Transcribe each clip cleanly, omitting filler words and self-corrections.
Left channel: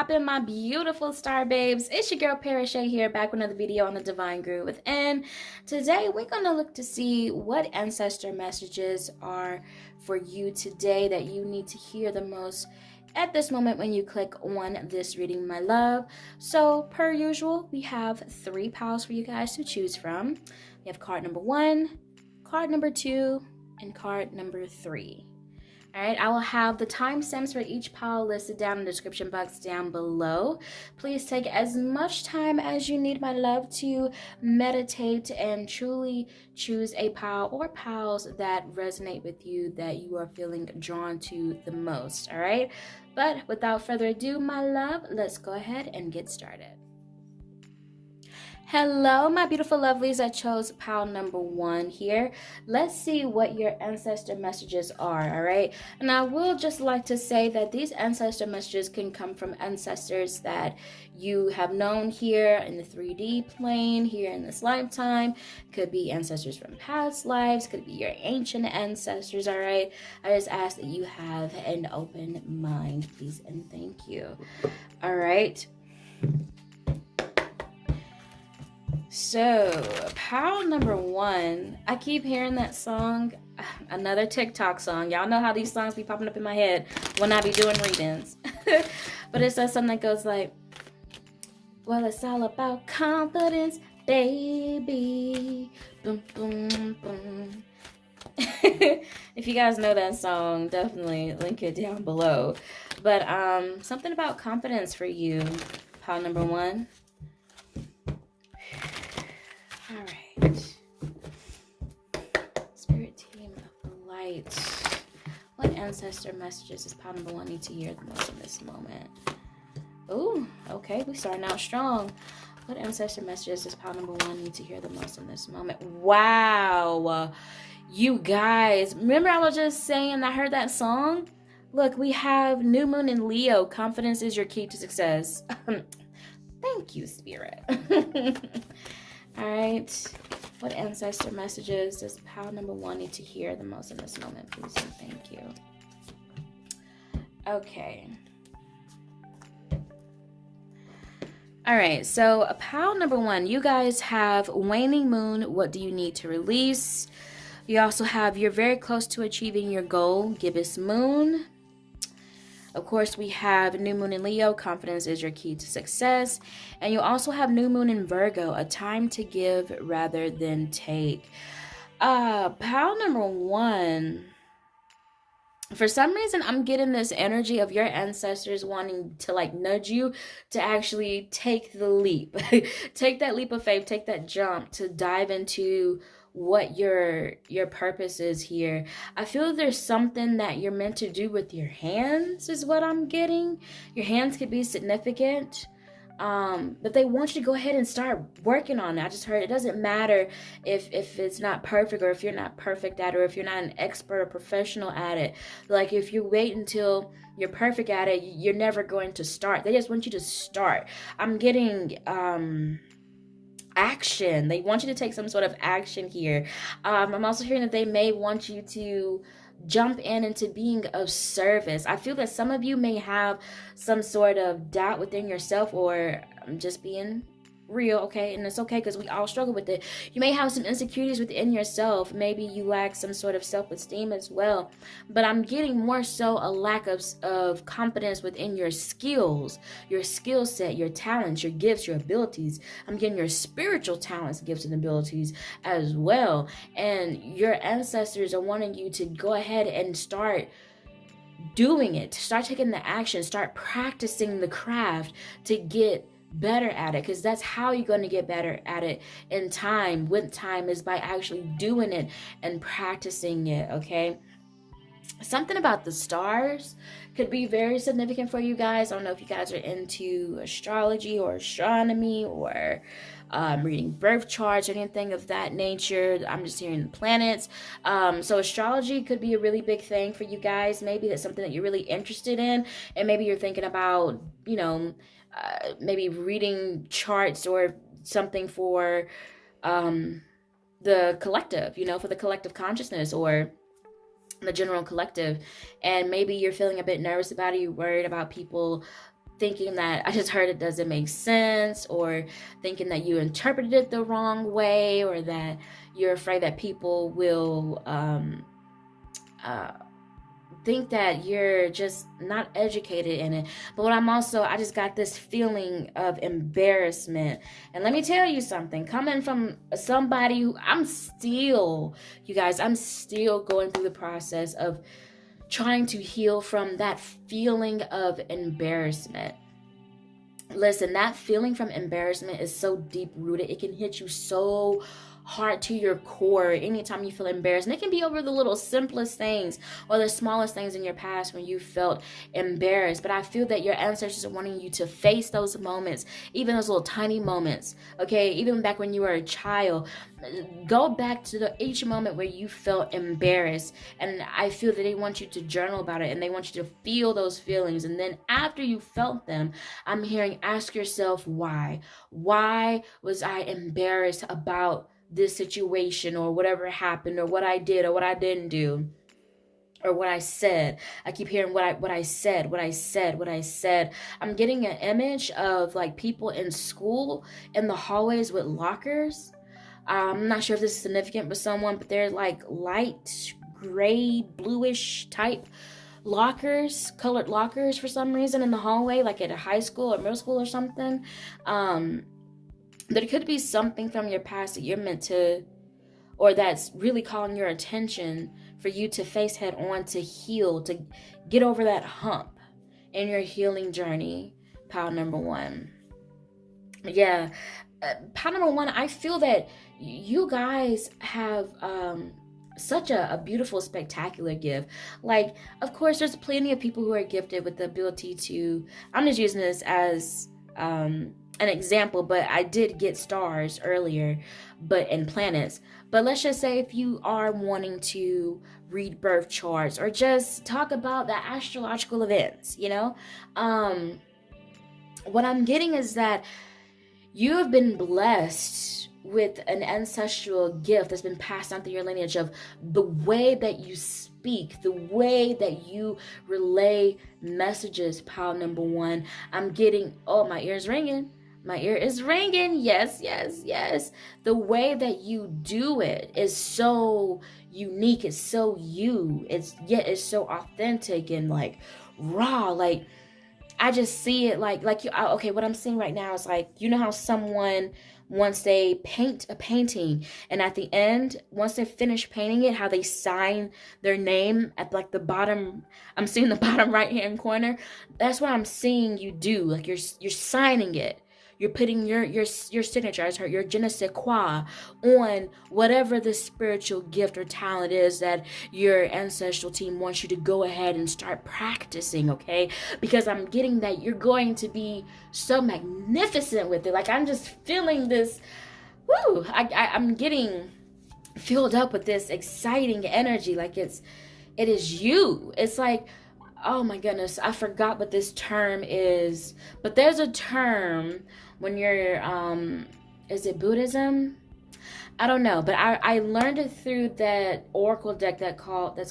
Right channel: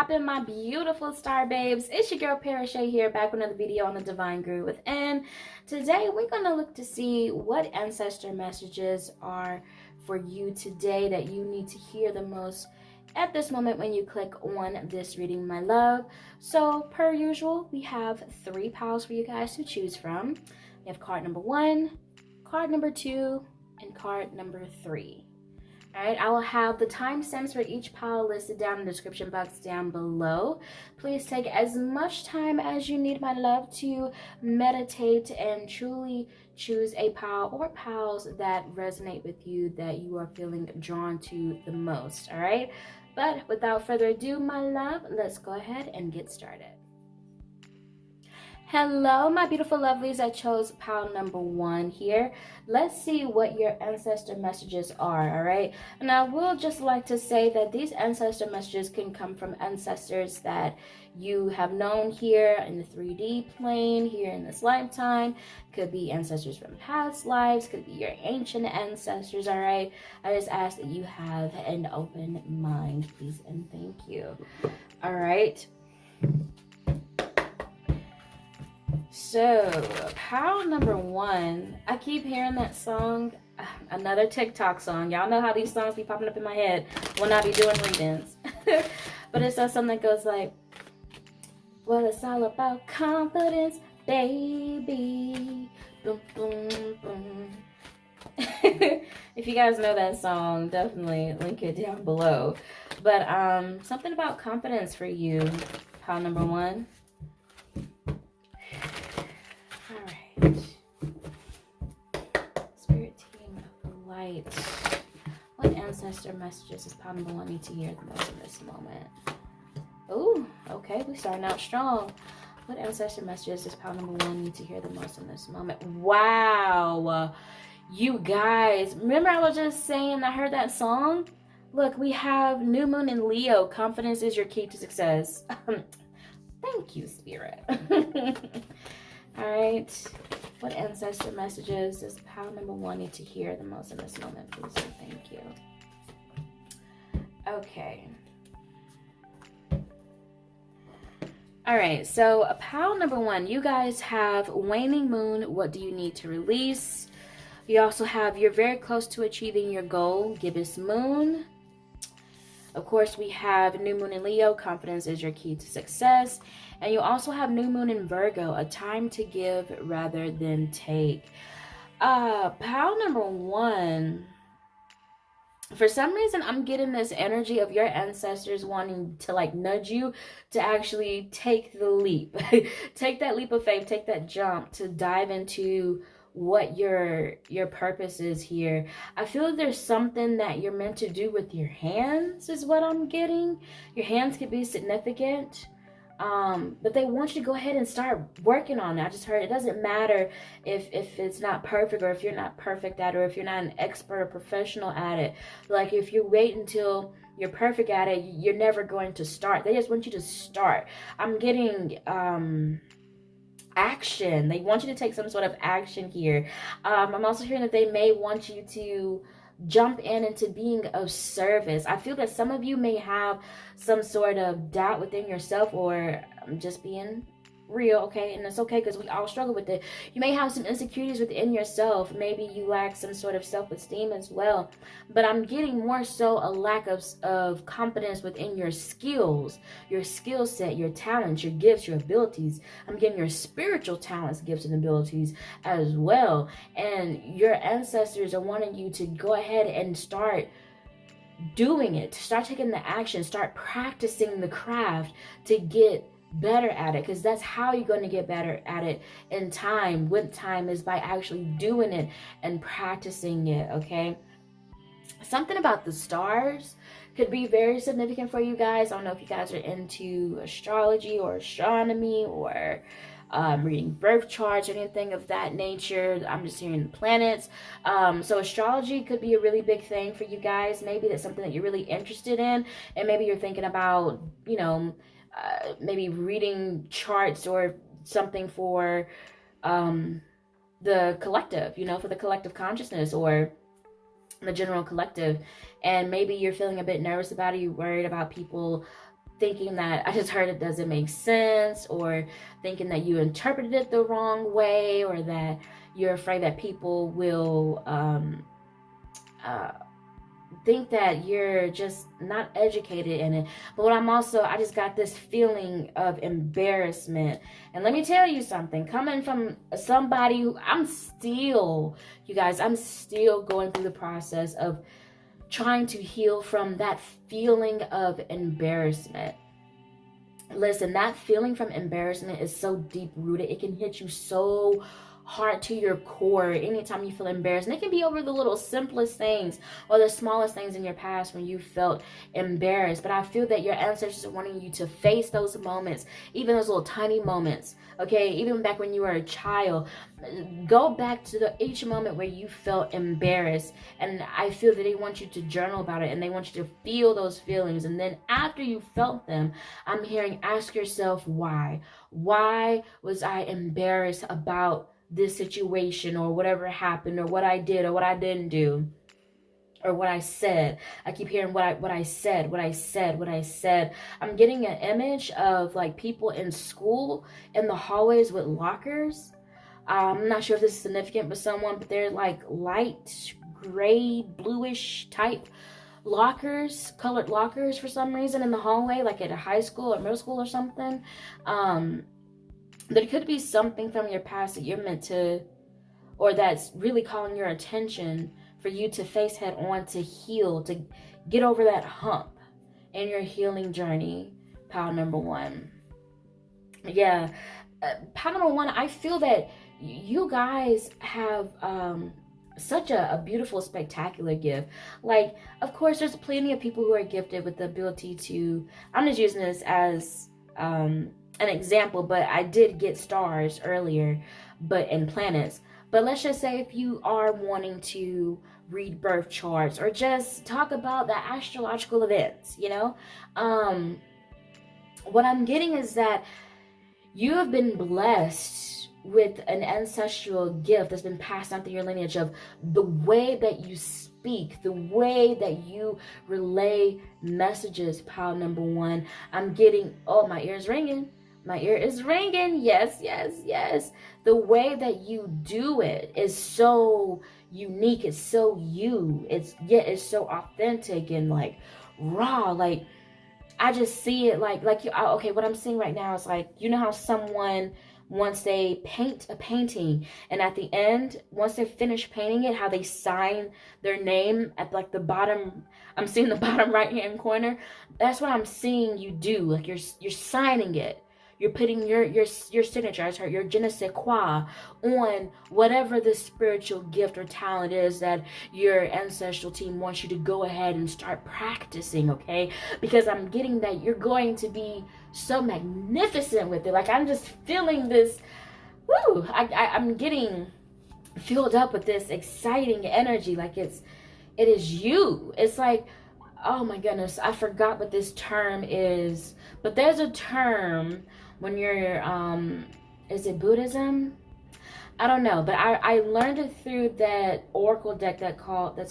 poppin', my beautiful star babes? It's your girl Parashay here, back with another video on the Divine Groove Within. Today we're gonna look to see what ancestor messages are for you today that you need to hear the most at this moment when you click on this reading, my love. So per usual, we have 3 piles for you guys to choose from. We have card number 1, card number 2, and card number 3. All right, I will have the timestamps for each pile listed down in the description box down below. Please take as much time as you need, my love, to meditate and truly choose a pile or piles that resonate with you, that you are feeling drawn to the most, all right? But without further ado, my love, let's go ahead and get started. Hello, my beautiful lovelies that chose pile number 1 here. Let's see what your ancestor messages are, all right? And I will just like to say that these ancestor messages can come from ancestors that you have known here in the 3D plane, here in this lifetime. Could be ancestors from past lives, could be your ancient ancestors, all right? I just ask that you have an open mind, please, and thank you. All right. So, pile number 1, I keep hearing that song, another TikTok song. Y'all know how these songs be popping up in my head when I be doing readings. But it says something that goes like, well, it's all about confidence, baby. Boom, boom, boom. If you guys know that song, definitely link it down below. But something about confidence for you, pile number 1. Alright. Spirit team of the light. What ancestor messages does pile number 1 need to hear the most in this moment? Ooh, okay, we starting out strong. What ancestor messages does pile number 1 need to hear the most in this moment? Wow. You guys, remember I was just saying I heard that song? Look, we have New Moon in Leo. Confidence is your key to success. Thank you, Spirit. All right, what ancestor messages does pile number 1 need to hear the most in this moment, please, and thank you. Okay. All right, so pile number 1, you guys have waning moon. What do you need to release? You also have you're very close to achieving your goal, gibbous moon. Of course, we have new moon in Leo. Confidence is your key to success. And you also have new moon in Virgo, a time to give rather than take. Pile number 1. For some reason, I'm getting this energy of your ancestors wanting to like nudge you to actually take the leap. Take that leap of faith, take that jump to dive into what your purpose is here. I feel there's something that you're meant to do with your hands is what I'm getting. Your hands could be significant, but they want you to go ahead and start working on it. I just heard it doesn't matter if it's not perfect, or if you're not perfect at it, or if you're not an expert or professional at it. Like if you wait until you're perfect at it, you're never going to start. They just want you to start. I'm getting action. They want you to take some sort of action here. I'm also hearing that they may want you to jump into being of service. I feel that some of you may have some sort of doubt within yourself, or I'm just being real, okay? And it's okay because we all struggle with it. You may have some insecurities within yourself. Maybe you lack some sort of self-esteem as well. But I'm getting more so a lack of confidence within your skills, your skill set, your talents, your gifts, your abilities. I'm getting your spiritual talents, gifts, and abilities as well. And your ancestors are wanting you to go ahead and start doing it, to start taking the action, start practicing the craft to get better at it, because that's how you're going to get better at it in time, with time, is by actually doing it and practicing it, okay? Something about the stars could be very significant for you guys. I don't know if you guys are into astrology or astronomy, or reading birth charts or anything of that nature. I'm just hearing the planets. So astrology could be a really big thing for you guys. Maybe that's something that you're really interested in, and maybe you're thinking about, you know, maybe reading charts or something for the collective, you know, for the collective consciousness, or the general collective. And maybe you're feeling a bit nervous about it, you're worried about people thinking that I just heard it doesn't make sense, or thinking that you interpreted it the wrong way, or that you're afraid that people will think that you're just not educated in it. But what I just got this feeling of embarrassment. And let me tell you something, coming from somebody who you guys, I'm still going through the process of trying to heal from that feeling of embarrassment. Listen, that feeling from embarrassment is so deep rooted. It can hit you so hard to your core anytime you feel embarrassed. And it can be over the little simplest things or the smallest things in your past when you felt embarrassed. But I feel that your ancestors are wanting you to face those moments, even those little tiny moments, okay? Even back when you were a child, go back to each moment where you felt embarrassed. And I feel that they want you to journal about it, and they want you to feel those feelings. And then after you felt them, I'm hearing, ask yourself why. Why was I embarrassed about this situation, or whatever happened, or what I did or what I didn't do, or what I said? I keep hearing what I said. I'm getting an image of like people in school in the hallways with lockers. I'm not sure if this is significant for someone, but they're like light gray, bluish type lockers, colored lockers for some reason in the hallway, like at a high school or middle school or something. There could be something from your past that you're meant to, or that's really calling your attention for you to face head on, to heal, to get over that hump in your healing journey, pile number one. Yeah, pile number one, I feel that you guys have such a beautiful, spectacular gift. Like, of course, there's plenty of people who are gifted with the ability to, I'm just using this as an example, but I did get stars earlier, and planets. But let's just say if you are wanting to read birth charts or just talk about the astrological events, what I'm getting is that you have been blessed with an ancestral gift that's been passed down through your lineage, of the way that you speak, the way that you relay messages, pile number one. I'm getting, oh, my ear is ringing. My ear is ringing. Yes. The way that you do it is so unique. It's so you. It's so authentic and like raw. Like, I just see it like you. Okay, what I'm seeing right now is like, you know how someone, once they paint a painting, and at the end, once they're finished painting it, how they sign their name at like the bottom. I'm seeing the bottom right hand corner. That's what I'm seeing you do. Like you're signing it. You're putting your signature, your je ne sais quoi, on whatever the spiritual gift or talent is that your ancestral team wants you to go ahead and start practicing, okay? Because I'm getting that you're going to be so magnificent with it. Like, I'm just feeling this, woo! I'm getting filled up with this exciting energy. Like, it is you. It's like, oh my goodness, I forgot what this term is, but there's a term when you're, is it Buddhism? I don't know, but I learned it through that oracle deck that's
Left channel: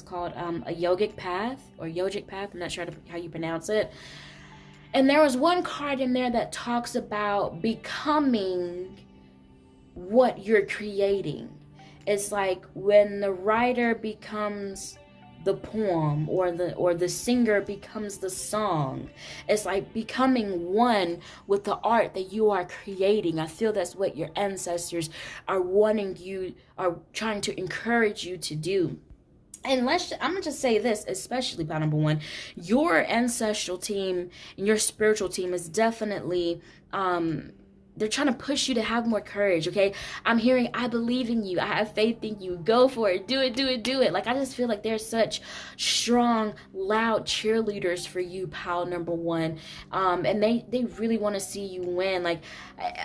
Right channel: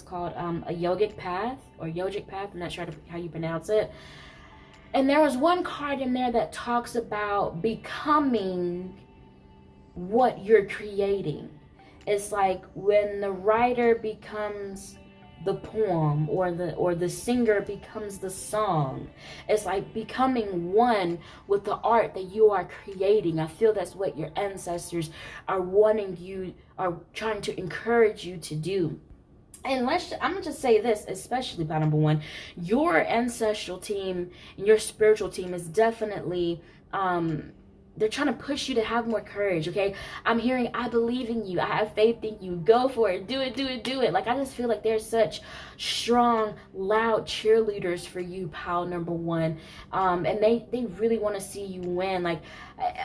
called a yogic path, or yogic path. I'm not sure how you pronounce it. And there was one card in there that talks about becoming what you're creating. It's like when the writer becomes the poem, or the singer becomes the song. It's like becoming one with the art that you are creating. I feel that's what your ancestors are trying to encourage you to do. And I'm gonna just say this, especially by number one, your ancestral team and your spiritual team is definitely they're trying to push you to have more courage, okay? I'm hearing, I believe in you. I have faith in you. Go for it. Do it. Like, I just feel like they're such strong, loud cheerleaders for you, pal number one. And they really want to see you win. Like,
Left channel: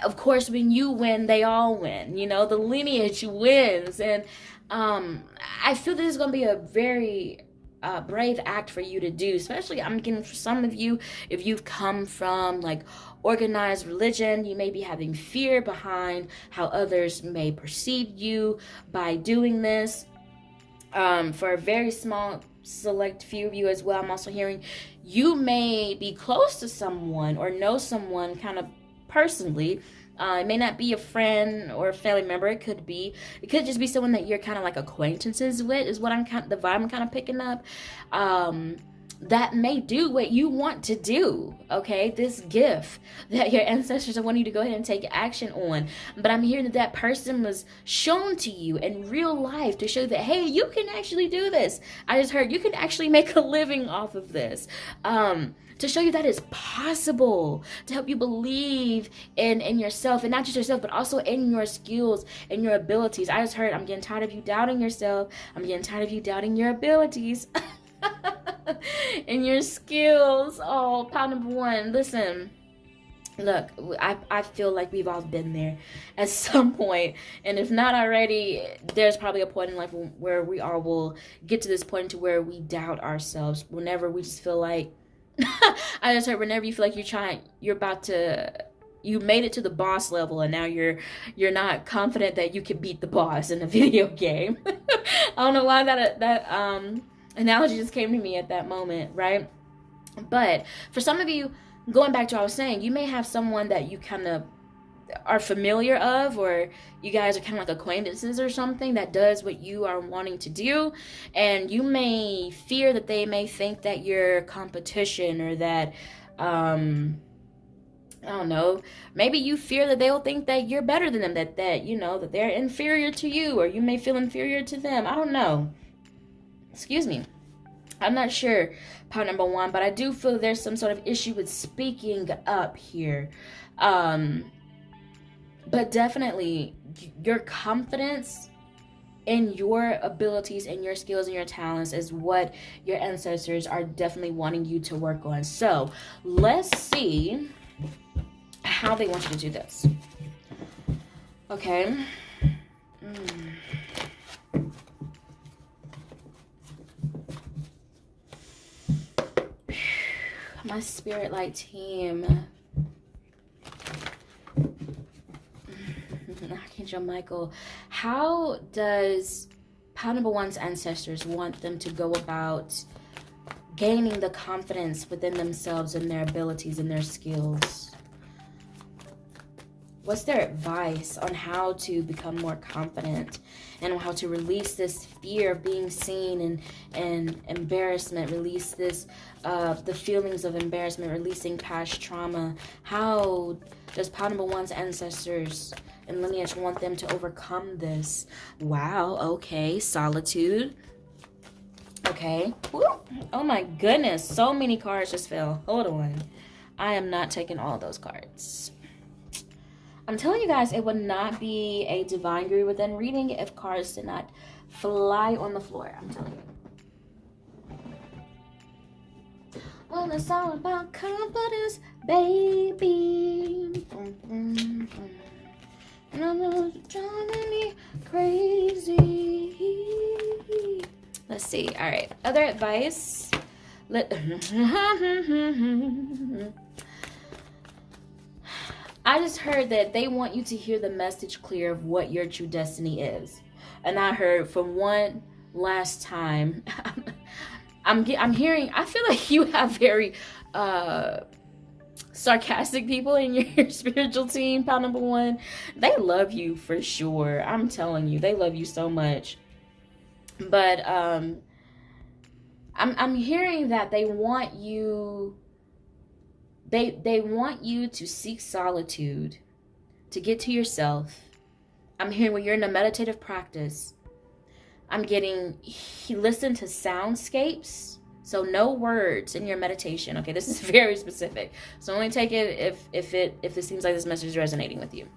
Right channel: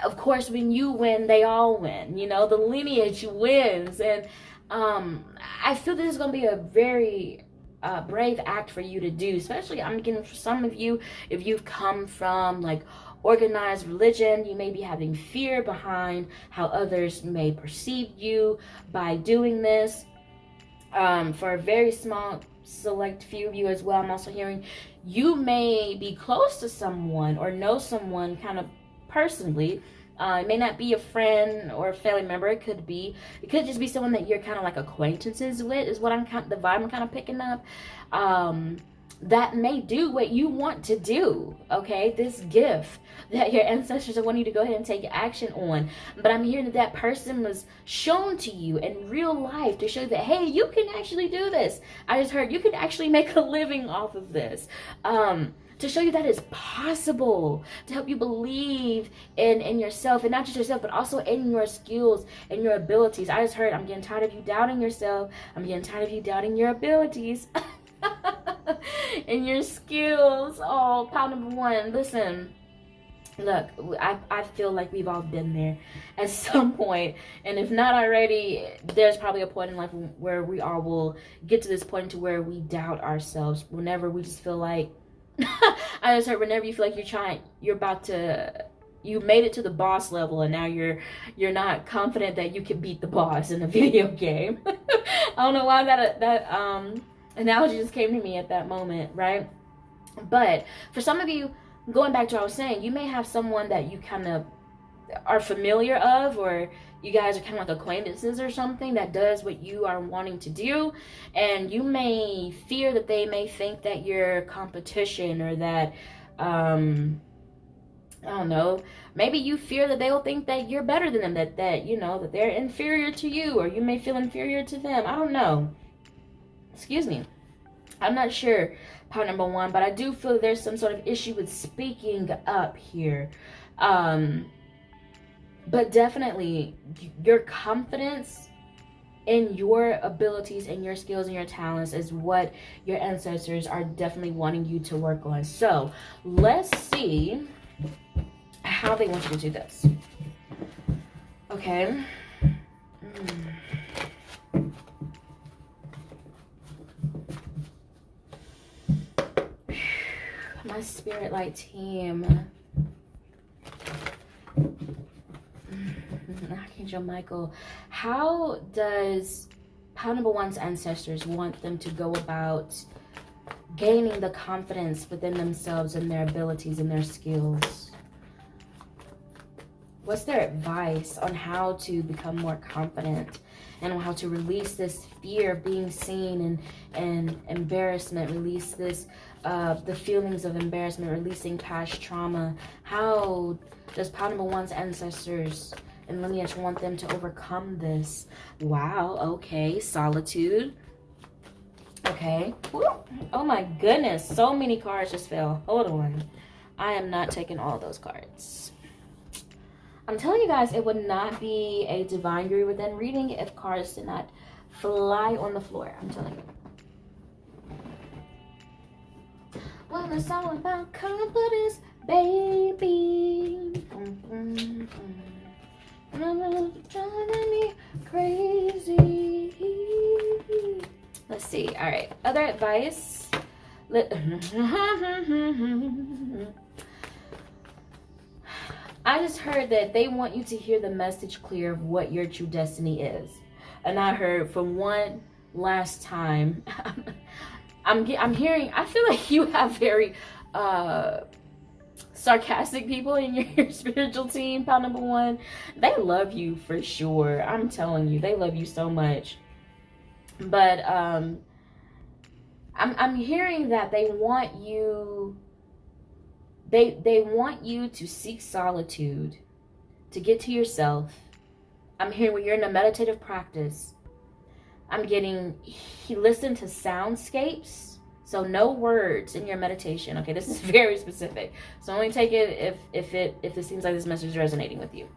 of course, when you win, they all win. The lineage wins. And I feel this is going to be a very brave act for you to do, especially I'm getting for some of you, if you've come from like organized religion, you may be having fear behind how others may perceive you by doing this. For a very small select few of you as well, I'm also hearing you may be close to someone or know someone kind of personally. It may not be a friend or a family member. It could just be someone that you're kind of like acquaintances with, is what the vibe I'm kind of picking up. That may do what you want to do, okay? This gift that your ancestors are wanting you to go ahead and take action on. But I'm hearing that person was shown to you in real life to show that, hey, you can actually do this. I just heard you can actually make a living off of this. To show you that it's possible, to help you believe in yourself, and not just yourself, but also in your skills and your abilities. I just heard, I'm getting tired of you doubting yourself. I'm getting tired of you doubting your abilities. And your skills. Oh, pound number one. Listen, look, I feel like we've all been there at some point, and if not already, there's probably a point in life where we all will get to this point to where we doubt ourselves. Whenever we just feel like I just heard, whenever you feel like you made it to the boss level, and now you're not confident that you can beat the boss in a video game. I don't know why that analogy just came to me at that moment, right? But for some of you, going back to what I was saying, you may have someone that you kind of are familiar of, or you guys are kind of like acquaintances or something, that does what you are wanting to do, and you may fear that they may think that you're competition, or that I don't know, maybe you fear that they'll think that you're better than them, that you know, that they're inferior to you, or you may feel inferior to them. I don't know. Excuse me. I'm not sure, part number one, but I do feel that there's some sort of issue with speaking up here. But definitely your confidence in your abilities and your skills and your talents is what your ancestors are definitely wanting you to work on. So let's see how they want you to do this. Okay. My spirit light team. Archangel Michael, how does pile number one's ancestors want them to go about gaining the confidence within themselves and their abilities and their skills? What's their advice on how to become more confident, and on how to release this fear of being seen and embarrassment, release this the feelings of embarrassment, releasing past trauma? How does pile number one's ancestors and lineage want them to overcome this? Wow, okay, solitude. Okay. Woo. Oh my goodness, so many cards just fell. Hold on. I am not taking all those cards. I'm telling you guys, it would not be a divine guru within reading if cards did not fly on the floor. I'm telling you. Well, it's all about confidence, baby. Driving me crazy. Let's see. All right. Other advice. I just heard that they want you to hear the message clear of what your true destiny is. And I heard from one last time, I'm hearing, I feel like you have very sarcastic people in your spiritual team, pile number one. They love you for sure. I'm telling you, they love you so much. But I'm hearing that they want you, they want you to seek solitude, to get to yourself. I'm hearing when you're in a meditative practice, I'm getting, listen to soundscapes. So no words in your meditation. Okay, this is very specific. So only take it if it seems like this message is resonating with you.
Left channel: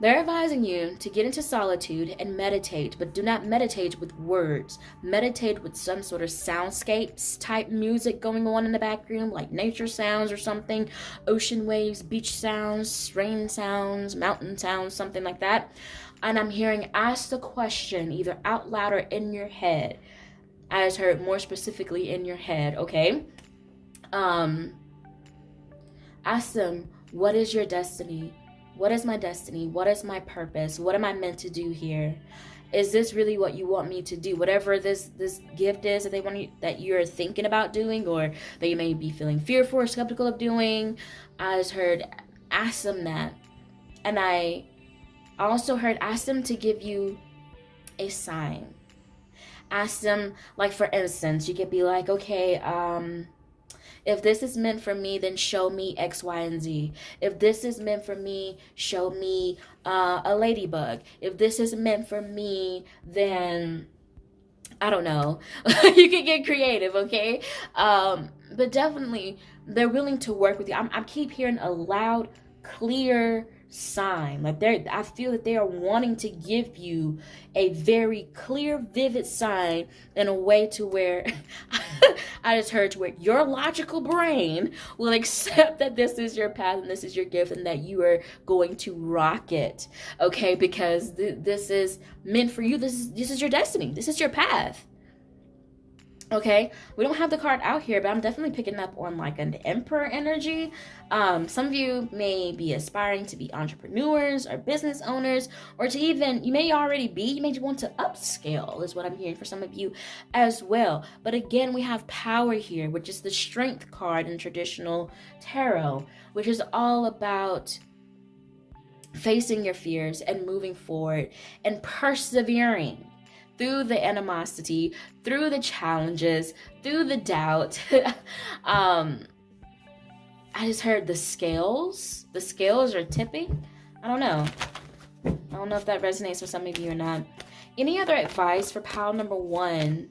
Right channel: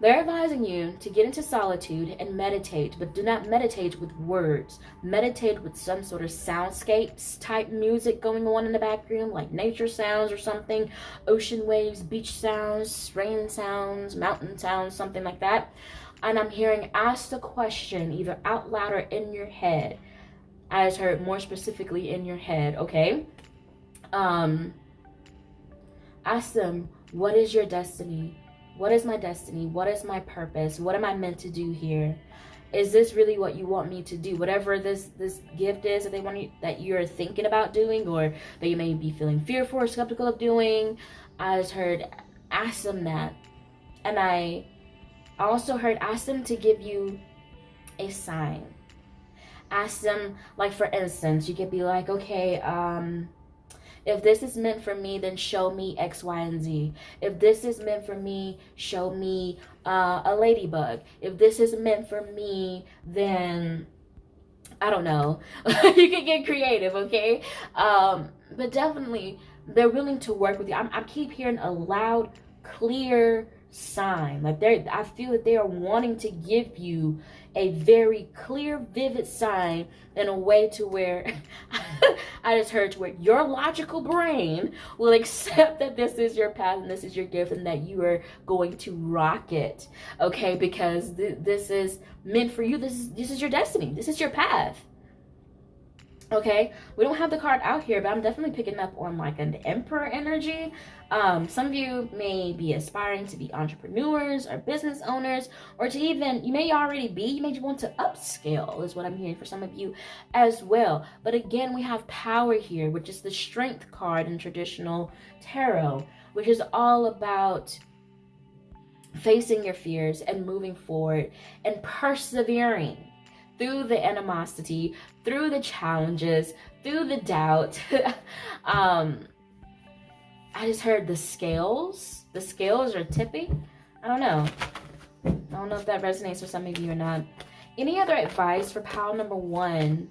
They're advising you to get into solitude and meditate, but do not meditate with words. Meditate with some sort of soundscapes type music going on in the background, like nature sounds or something, ocean waves, beach sounds, rain sounds, mountain sounds, something like that. And I'm hearing, ask the question either out loud or in your head. I just heard more specifically in your head, okay? Ask them, what is your destiny? What is my destiny? What is my purpose? What am I meant to do here? Is this really what you want me to do? Whatever this gift is that that you're thinking about doing, or that you may be feeling fearful or skeptical of doing. I just heard, ask them that. And I also heard, ask them to give you a sign. Ask them, like, for instance, you could be like, okay, if this is meant for me, then show me X, Y, and Z. If this is meant for me, show me a ladybug. If this is meant for me, then I don't know. You can get creative, okay? But definitely, they're willing to work with you. I keep hearing a loud, clear sign. Like, I feel that they are wanting to give you a very clear, vivid sign in a way to where I just heard to where your logical brain will accept that this is your path and this is your gift and that you are going to rock it, okay? Because this is meant for you. This is your destiny. This is your path. Okay, we don't have the card out here, but I'm definitely picking up on like an emperor energy. Some of you may be aspiring to be entrepreneurs or business owners, or to even, you may already be, you may want to upscale is what I'm hearing for some of you as well. But again, we have power here, which is the strength card in traditional tarot, which is all about facing your fears and moving forward and persevering through the animosity, through the challenges, through the doubt. I just heard the scales. The scales are tipping. I don't know if that resonates with some of you or not. Any other advice for pile number 1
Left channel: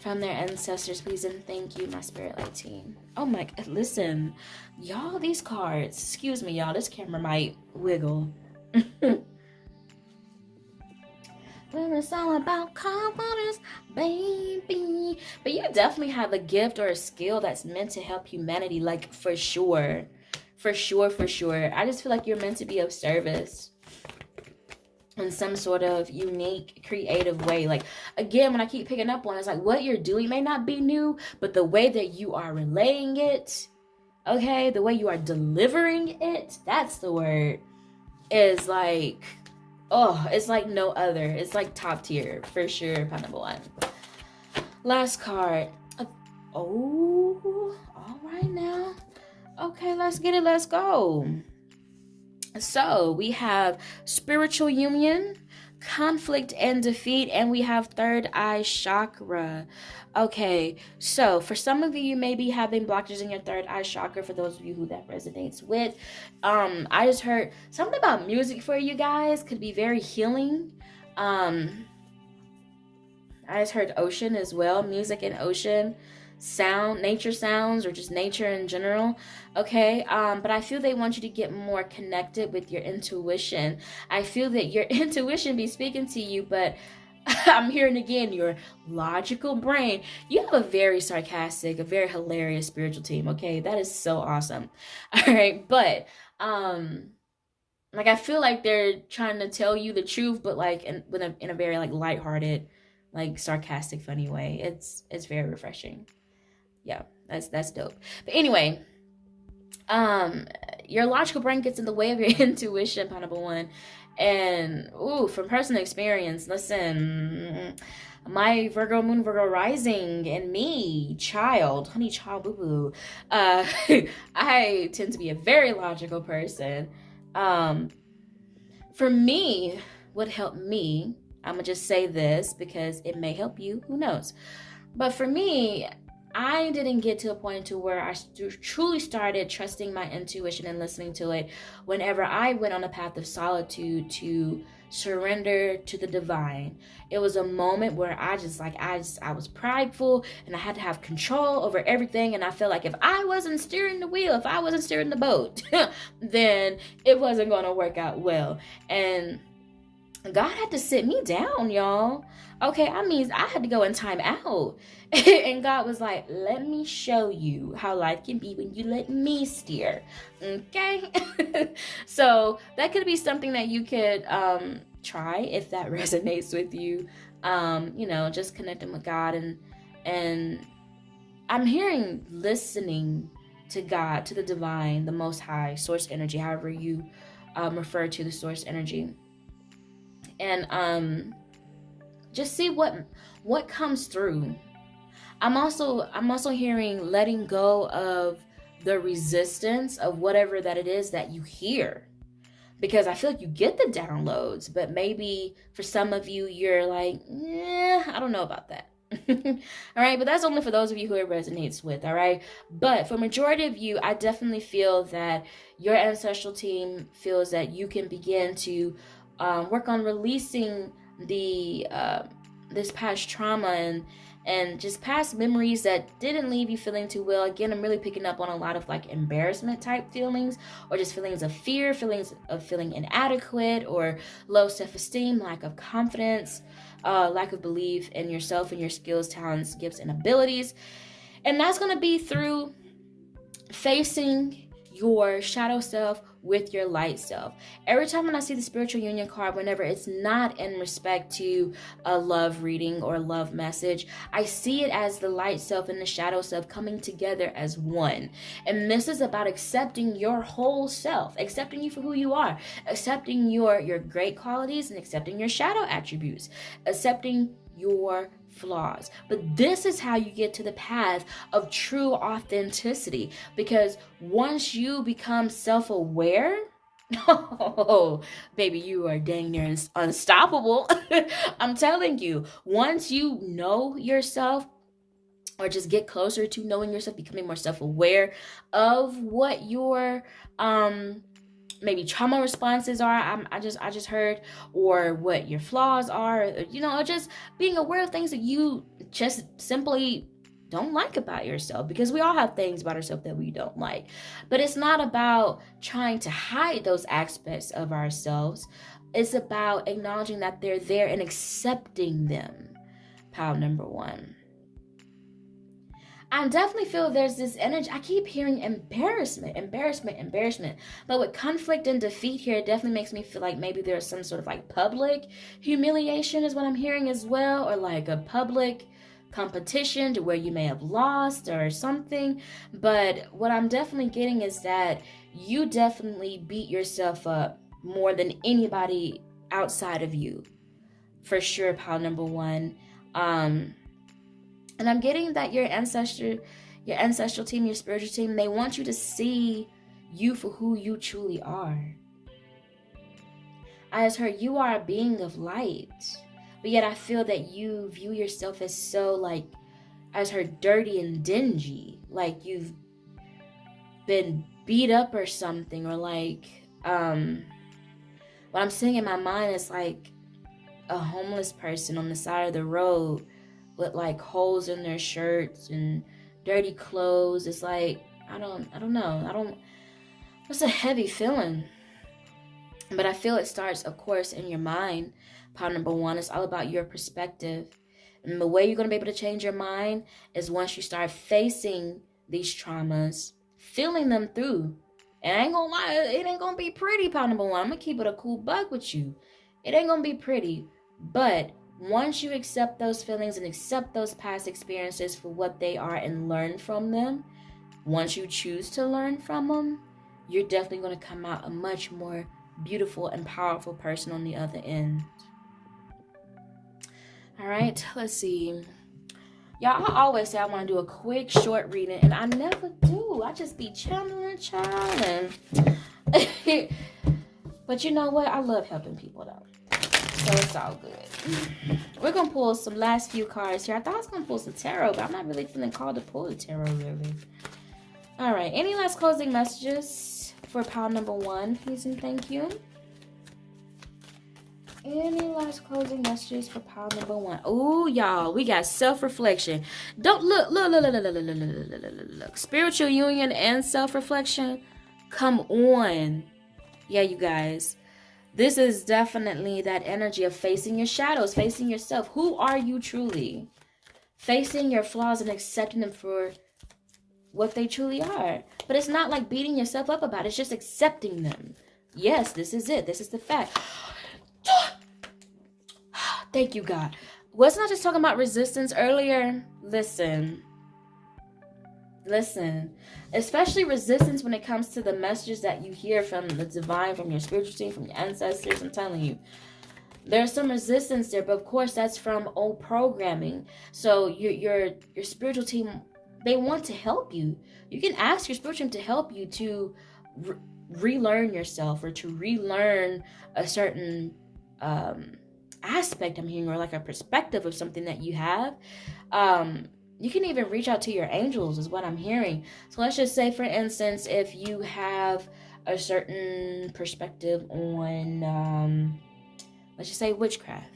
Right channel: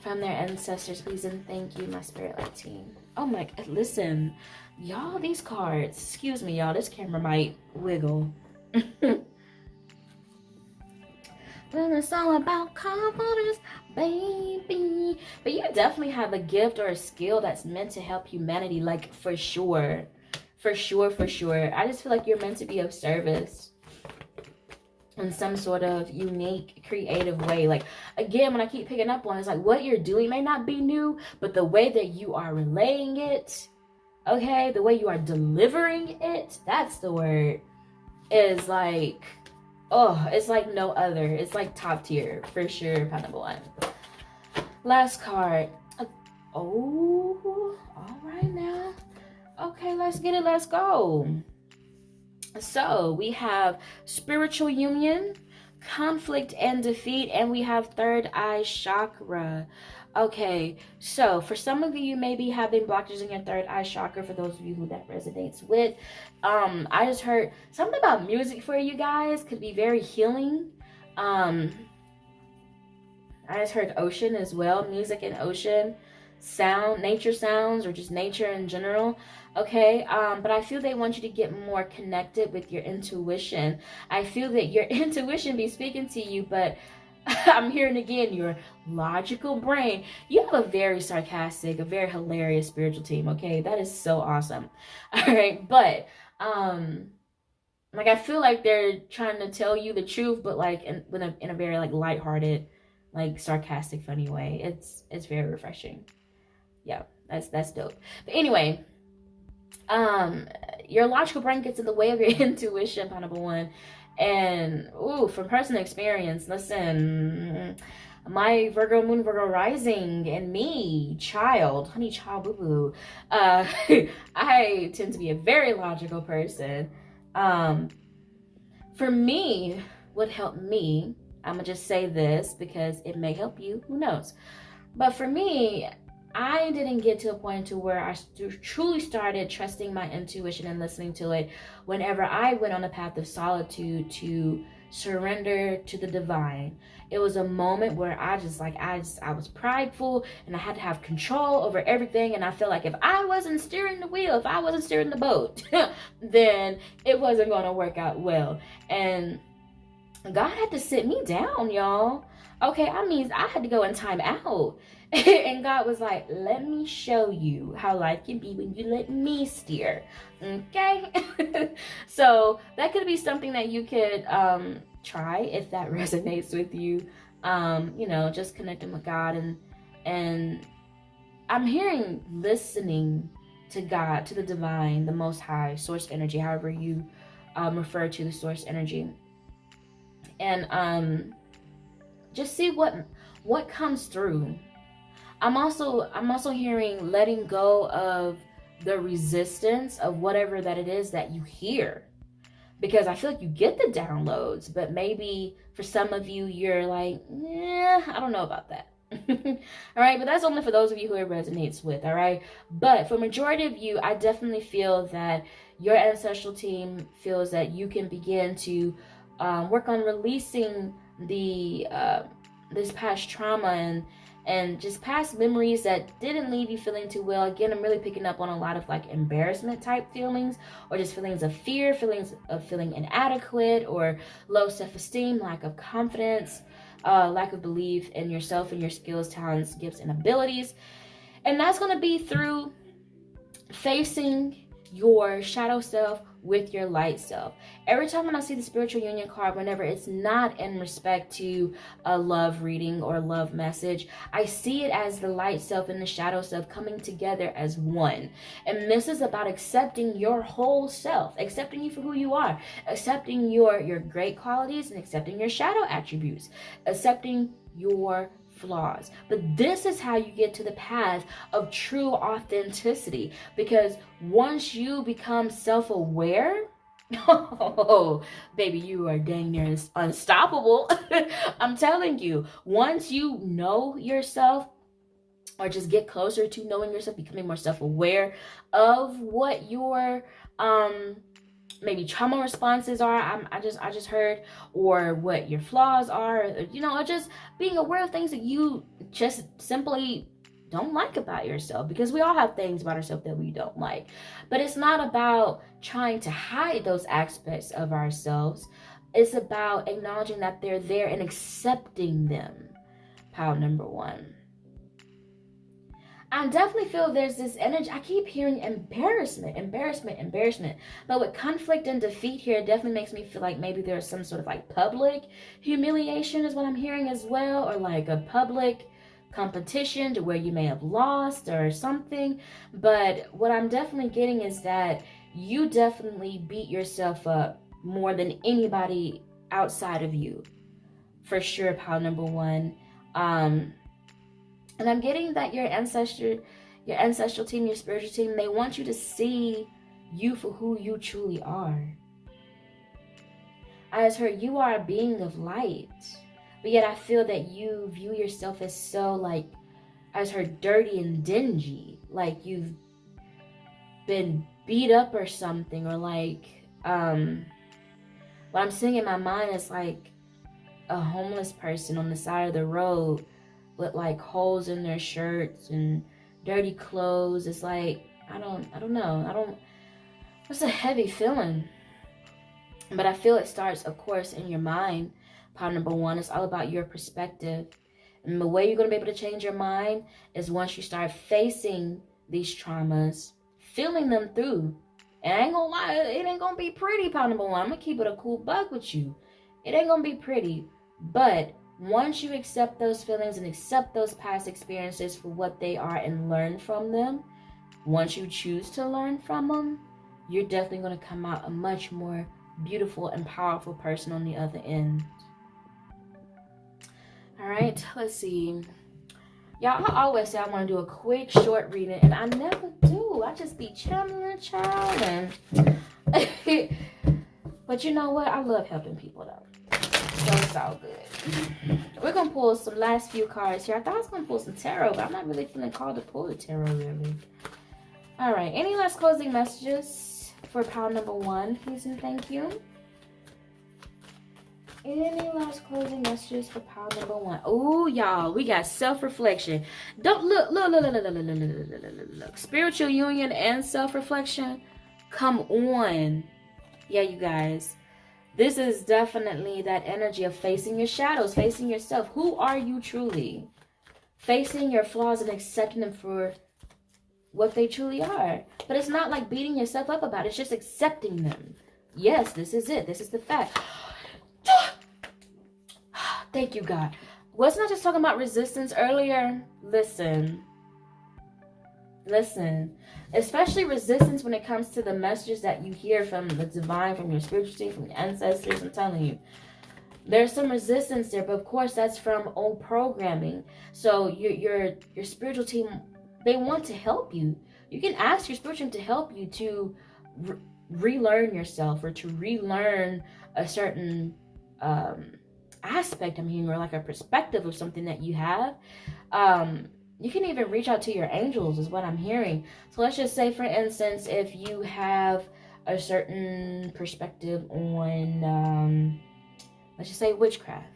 from their ancestors, please and thank you, my spirit light team. Oh my, listen, y'all, these cards, excuse me, y'all, this camera might wiggle. Well, it's all about confidence, baby. But you definitely have a gift or a skill that's meant to help humanity, like, for sure. For sure, for sure. I just feel like you're meant to be of service in some sort of unique, creative way. Like, again, when I keep picking up on it, it's like what you're doing may not be new, but the way that you are relaying it, okay, the way you are delivering it, that's the word, is like, oh, it's like no other. It's like top tier for sure. Pile number 1. Last card. Oh, all right now. Okay, let's get it. Let's go. So we have spiritual union, conflict and defeat, and we have third eye chakra. Okay, so for some of you, you may be having blockages in your third eye chakra. For those of you who that resonates with, I just heard something about music for you guys could be very healing. I just heard ocean as well, music and ocean, sound, nature sounds, or just nature in general. Okay, but I feel they want you to get more connected with your intuition. I feel that your intuition be speaking to you, but I'm hearing again your logical brain. You have a very sarcastic, a very hilarious spiritual team, okay? That is so awesome. All right, but like, I feel like they're trying to tell you the truth, but like in a very like lighthearted, like sarcastic, funny way. It's very refreshing. Yeah, that's dope. But anyway, your logical brain gets in the way of your intuition, pile number 1. And from personal experience, listen, my Virgo moon, Virgo rising, and me, honey child, boo boo. I tend to be a very logical person. For me, what helped me, I'm gonna just say this because it may help you, who knows. But for me, I didn't get to a point to where I truly started trusting my intuition and listening to it whenever I went on a path of solitude to surrender to the divine. It was a moment where I was prideful and I had to have control over everything, and I felt like if I wasn't steering the wheel, if I wasn't steering the boat, then it wasn't going to work out well. And God had to sit me down, y'all. Okay, I mean, I had to go in time out. And God was like, let me show you how life can be when you let me steer. Okay? So that could be something that you could try if that resonates with you. Just connecting with God. And I'm hearing listening to God, to the divine, the most high, source energy, however you refer to the source energy. And just see what comes through. I'm also hearing letting go of the resistance of whatever that it is that you hear. Because I feel like you get the downloads, but maybe for some of you, you're like, yeah, I don't know about that. All right, but that's only for those of you who it resonates with. All right, but for majority of you, I definitely feel that your ancestral team feels that you can begin to work on releasing the this past trauma and just past memories that didn't leave you feeling too well. Again, I'm really picking up on a lot of like embarrassment type feelings, or just feelings of fear, feelings of feeling inadequate, or low self-esteem, lack of confidence, lack of belief in yourself and your skills, talents, gifts, and abilities. And that's going to be through facing your shadow self with your light self. Every time when I see the spiritual union card, whenever it's not in respect to a love reading or love message, I see it as the light self and the shadow self coming together as one. And this is about accepting your whole self, accepting you for who you are, accepting your great qualities and accepting your shadow attributes, accepting your flaws. But this is how you get to the path of true authenticity, because once you become self-aware, oh baby, you are dang near unstoppable. I'm telling you, once you know yourself, or just get closer to knowing yourself, becoming more self-aware of what your maybe trauma responses are, I just heard, or what your flaws are, or just being aware of things that you just simply don't like about yourself, because we all have things about ourselves that we don't like. But it's not about trying to hide those aspects of ourselves. It's about acknowledging that they're there and accepting them. Pile number one. I definitely feel there's this energy. I keep hearing embarrassment. But with conflict and defeat here, it definitely makes me feel like maybe there's some sort of like public humiliation is what I'm hearing as well, or like a public competition to where you may have lost or something. But what I'm definitely getting is that you definitely beat yourself up more than anybody outside of you. For sure, pile number one. And I'm getting that your ancestral team, your spiritual team, they want you to see you for who you truly are. I just heard you are a being of light, but yet I feel that you view yourself as so like, I just heard dirty and dingy, like you've been beat up or something, or like, what I'm seeing in my mind is like a homeless person on the side of the road with like holes in their shirts and dirty clothes. It's like, I don't know. It's a heavy feeling. But I feel it starts, of course, in your mind. Pile number one, it's all about your perspective. And the way you're going to be able to change your mind is once you start facing these traumas, feeling them through. And I ain't gonna lie, it ain't gonna be pretty, pile number one. I'm gonna keep it a cool buck with you. It ain't gonna be pretty. But once you accept those feelings and accept those past experiences for what they are and learn from them, once you choose to learn from them, you're definitely going to come out a much more beautiful and powerful person on the other end. All right, let's see. Y'all, I always say I want to do a quick, short reading, and I never do. I just be channeling, child. But you know what? I love helping people, though. So it's all good. We're going to pull some last few cards here. I thought I was going to pull some tarot, but I'm not really feeling called to pull the tarot, really. All right. Any last closing messages for pile number one, please and thank you? Any last closing messages for pile number one? Oh, y'all, we got self-reflection. Don't look. Spiritual union and self-reflection. Come on. Yeah, you guys. This is definitely that energy of facing your shadows, facing yourself. Who are you truly? Facing your flaws and accepting them for what they truly are. But it's not like beating yourself up about it. It's just accepting them. Yes, this is it. This is the fact. Thank you, God. Wasn't I just talking about resistance earlier? Listen. Especially resistance when it comes to the messages that you hear from the divine, from your spiritual team, from your ancestors. I'm telling you, There's some resistance there, but of course that's from old programming. So your spiritual team, they want to help you. You can ask your spiritual team to help you to relearn yourself, or to relearn a certain aspect, I'm hearing, or like a perspective of something that you have. You can even reach out to your angels, is what I'm hearing. So let's just say, for instance, if you have a certain perspective on, let's just say witchcraft.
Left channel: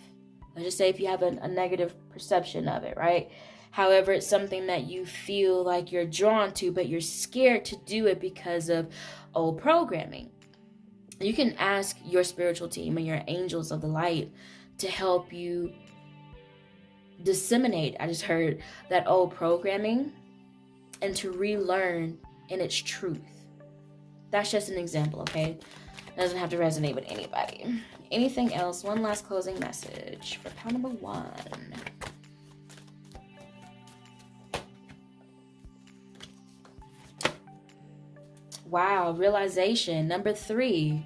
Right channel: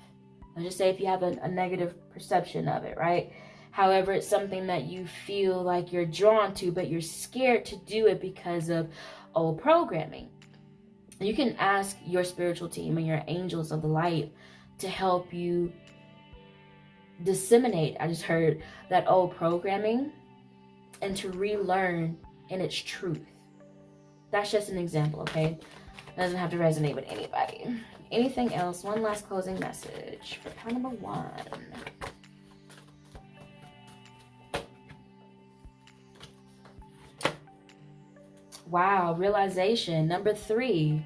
Let's just say if you have a negative perception of it, right? However, it's something that you feel like you're drawn to, but you're scared to do it because of old programming. You can ask your spiritual team and your angels of the light to help you disseminate, I just heard, that old programming, and to relearn in its truth. That's just an example, okay? It doesn't have to resonate with anybody. Anything else? One last closing message for pile number 1. Wow, realization. Number 3.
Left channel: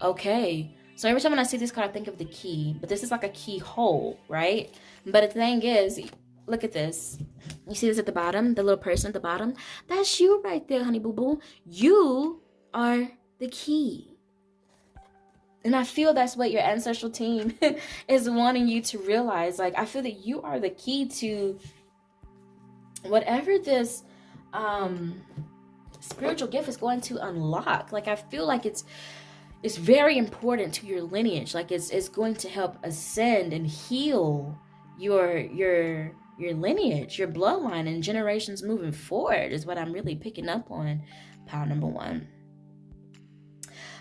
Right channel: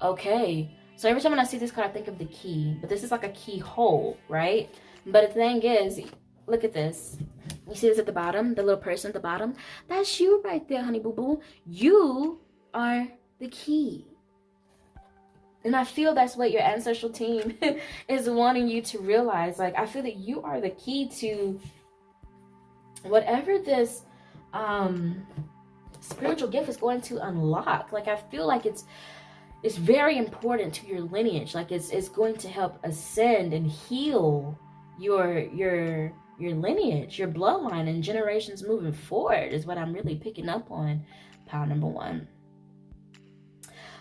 Okay. So every time when I see this card, I think of the key. But this is like a keyhole, right? But the thing is, look at this. You see this at the bottom? The little person at the bottom? That's you right there, honey boo boo. You are the key. And I feel that's what your ancestral team is wanting you to realize. Like, I feel that you are the key to whatever this spiritual gift is going to unlock. Like, I feel like it's very important to your lineage. Like, it's going to help ascend and heal your lineage, your bloodline, and generations moving forward, is what I'm really picking up on, pile number 1.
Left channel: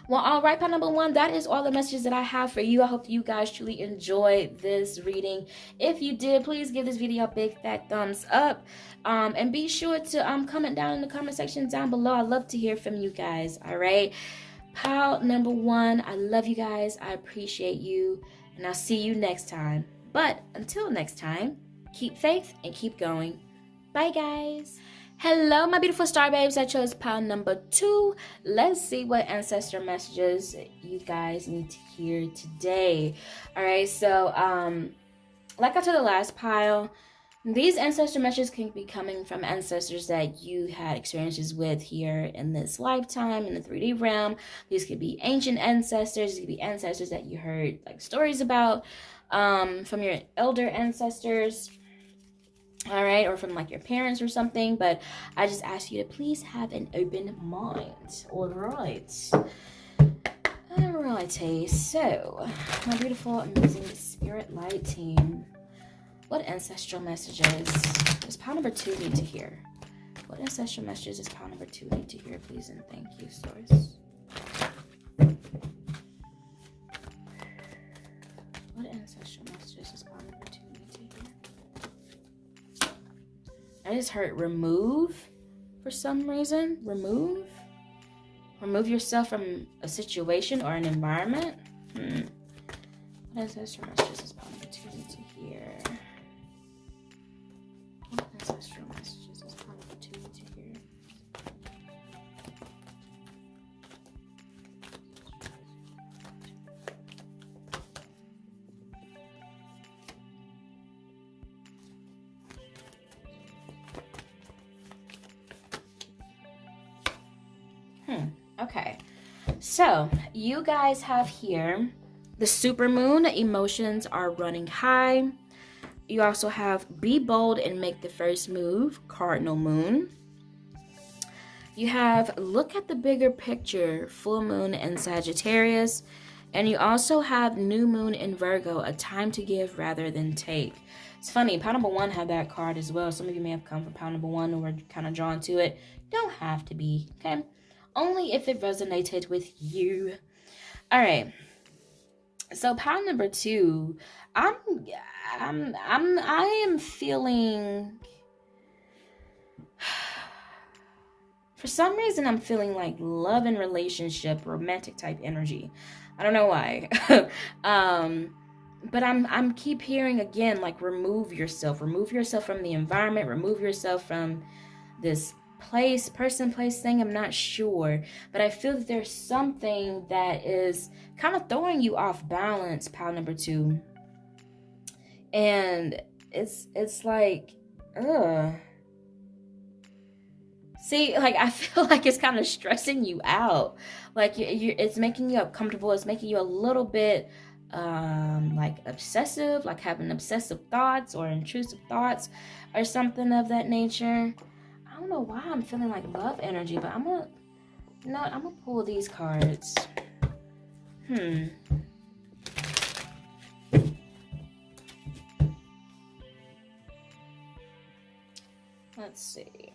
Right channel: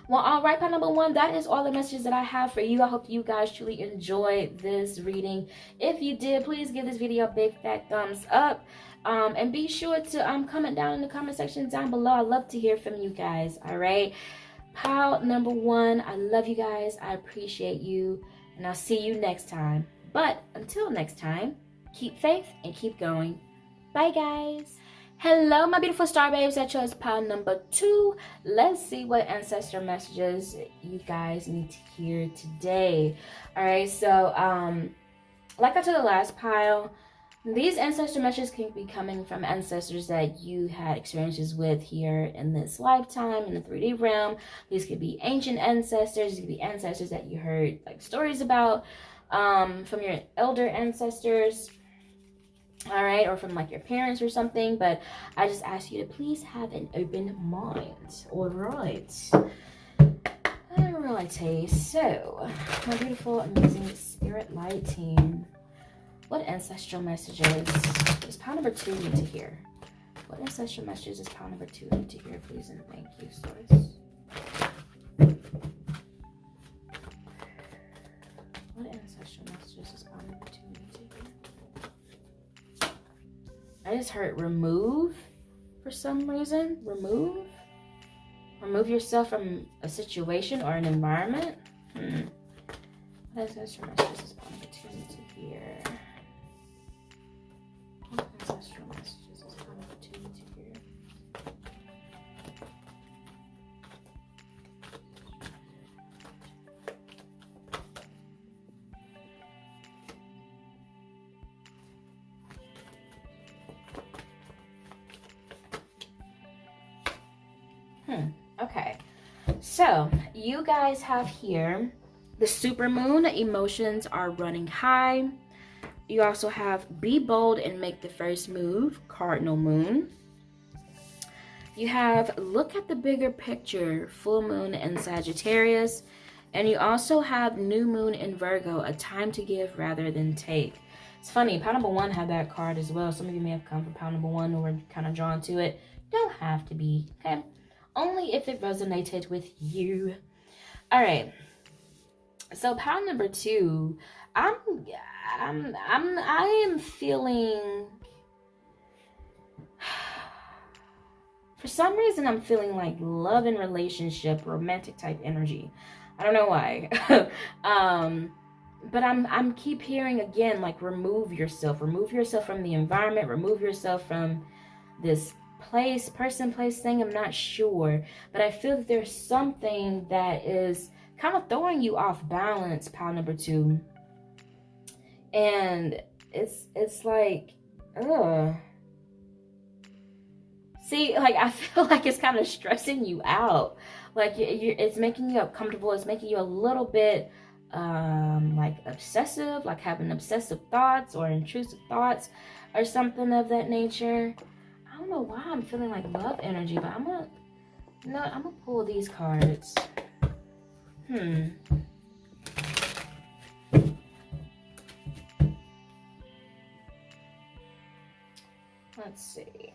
Well, all right, pile number 1, that is all the messages that I have for you. I hope you guys truly enjoyed this reading. If you did, please give this video a big fat thumbs up. And be sure to comment down in the comment section down below. I love to hear from you guys, all right? Pile number 1, I love you guys. I appreciate you. And I'll see you next time. But until next time, keep faith and keep going. Bye, guys. Hello, my beautiful star babes. I chose pile number 2. Let's see what ancestor messages you guys need to hear today. All right, so like I told the last pile, these ancestor messages can be coming from ancestors that you had experiences with here in this lifetime, in the 3D realm. These could be ancient ancestors. These could be ancestors that you heard like stories about from your elder ancestors. All right, or from like your parents or something. But I just ask you to please have an open mind. All right. Alrighty, so my beautiful, amazing spirit light team, what ancestral messages does pile number 2 need to hear? What ancestral messages does pile number 2 need to hear, please, and thank you, source. What ancestral messages does pile number 2 need to hear? I just heard remove for some reason. Remove? Remove yourself from a situation or an environment? What ancestral messages does pile number 2 need to hear? What ancestral messages does pile number 2 need to hear? Okay, so you guys have here the supermoon. Emotions are running high. You also have be bold and make the first move, cardinal moon. You have look at the bigger picture, full moon in Sagittarius. And you also have new moon in Virgo, a time to give rather than take. It's funny, pile number 1 had that card as well. Some of you may have come from pile number 1 or were kind of drawn to it. You don't have to be, okay? Only if it resonated with you. All right. So pile number 2, I am feeling, for some reason, I'm feeling like love and relationship, romantic type energy. I don't know why. But I'm keep hearing again, like remove yourself from the environment, remove yourself from this place, person, place, thing. I'm not sure, but I feel that there's something that is kind of throwing you off balance, pile number 2. And it's like, ugh. See, like, I feel like it's kind of stressing you out. Like, it's making you uncomfortable. It's making you a little bit, like, obsessive, like having obsessive thoughts or intrusive thoughts or something of that nature. I don't know why I'm feeling like love energy, but I'm gonna pull these cards. Let's see.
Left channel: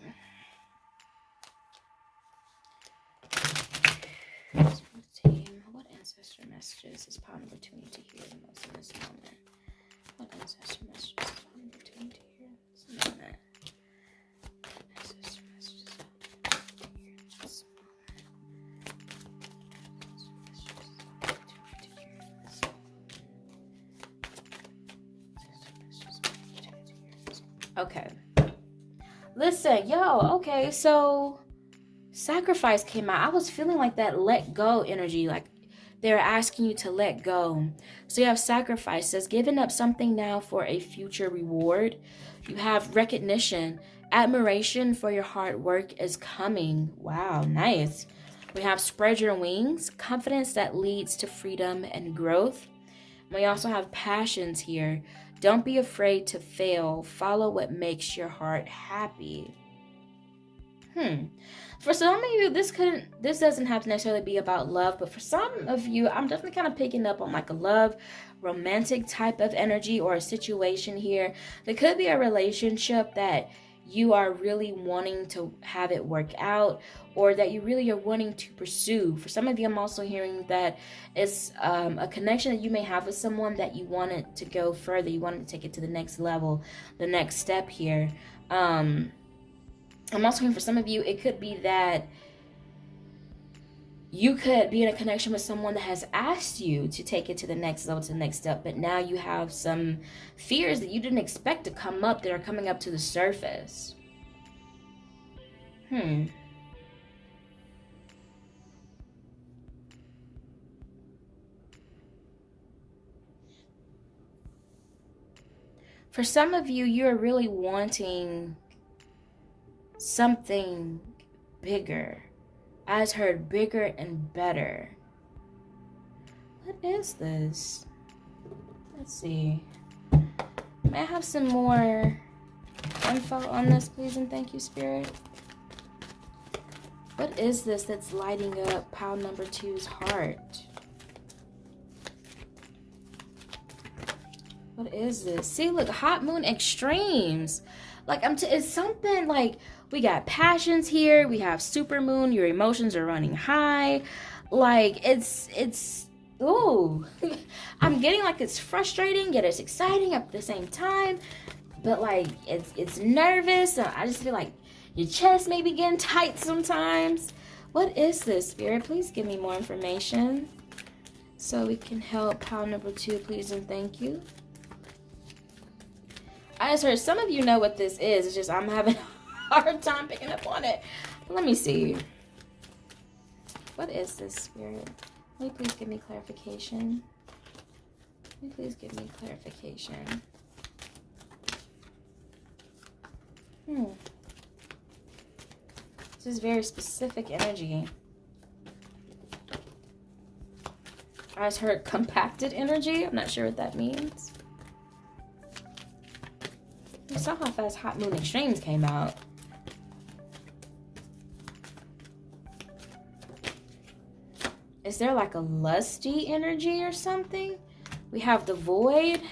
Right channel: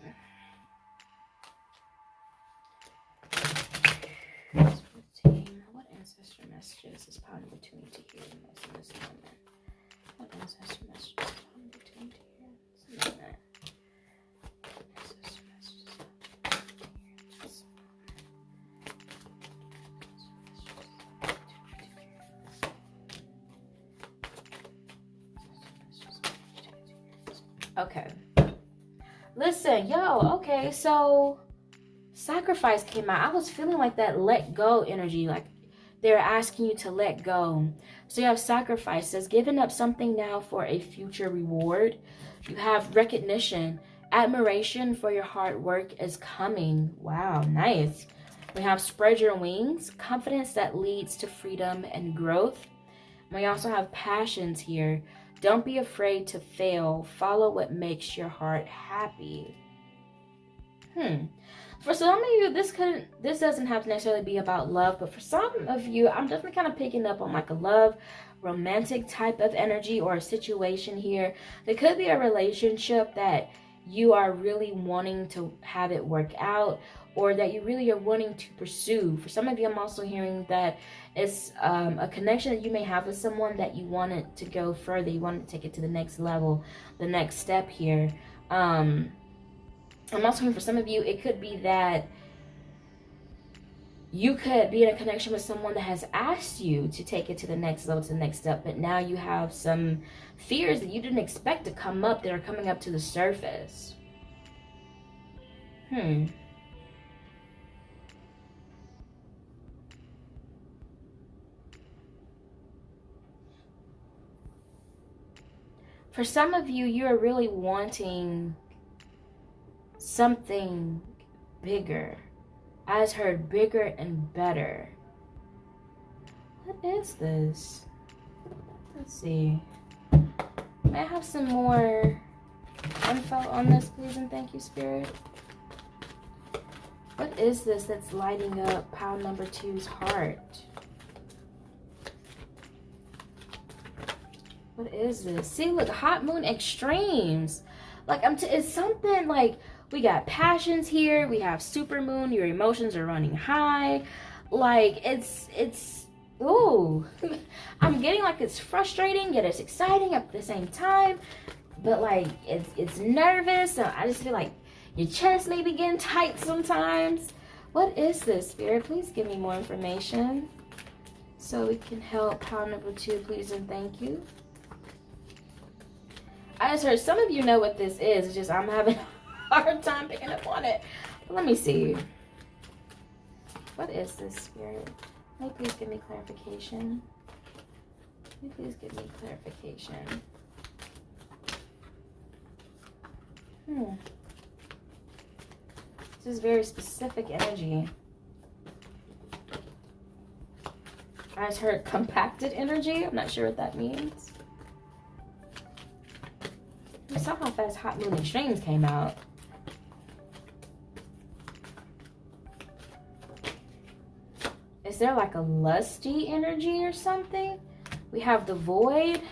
What ancestor messages is pile number 2 need to hear the most in this moment? What ancestor messages is pile number 2 need to hear in this moment? Ancestor messages is pile number 2 need to hear in this moment. Okay. Listen, yo, okay, so sacrifice came out. I was feeling like that let go energy, like they're asking you to let go. So you have sacrifices, giving up something now for a future reward. You have recognition, admiration for your hard work is coming. Wow, nice. We have spread your wings, confidence that leads to freedom and growth. We also have passions here. Don't be afraid to fail. Follow what makes your heart happy. For some of you, this doesn't have to necessarily be about love, but for some of you, I'm definitely kind of picking up on like a love, romantic type of energy or a situation here. There could be a relationship that you are really wanting to have it work out, or that you really are wanting to pursue. For some of you, I'm also hearing that it's a connection that you may have with someone that you want it to go further. You want to take it to the next level, the next step here. I'm also hearing for some of you, it could be that you could be in a connection with someone that has asked you to take it to the next level, to the next step, but now you have some fears that you didn't expect to come up that are coming up to the surface. For some of you, you're really wanting something bigger. I just heard bigger and better. What is this? Let's see. May I have some more info on this, please, and thank you, Spirit? What is this that's lighting up pile number 2's heart? What is this? See, look, hot moon extremes. Like, it's something like we got passions here. We have super moon. Your emotions are running high. Like, it's ooh. I'm getting like it's frustrating, yet it's exciting at the same time. But like, it's nervous. So I just feel like your chest may be getting tight sometimes. What is this, Spirit? Please give me more information so we can help pile number 2, please and thank you. I just heard some of you know what this is. It's just I'm having a hard time picking up on it. Let me see. What is this, Spirit? May you please give me clarification? May you please give me clarification? This is very specific energy. I just heard compacted energy. I'm not sure what that means. I saw how fast Hot Moon Extremes came out. Is there like a lusty energy or something? We have the Void.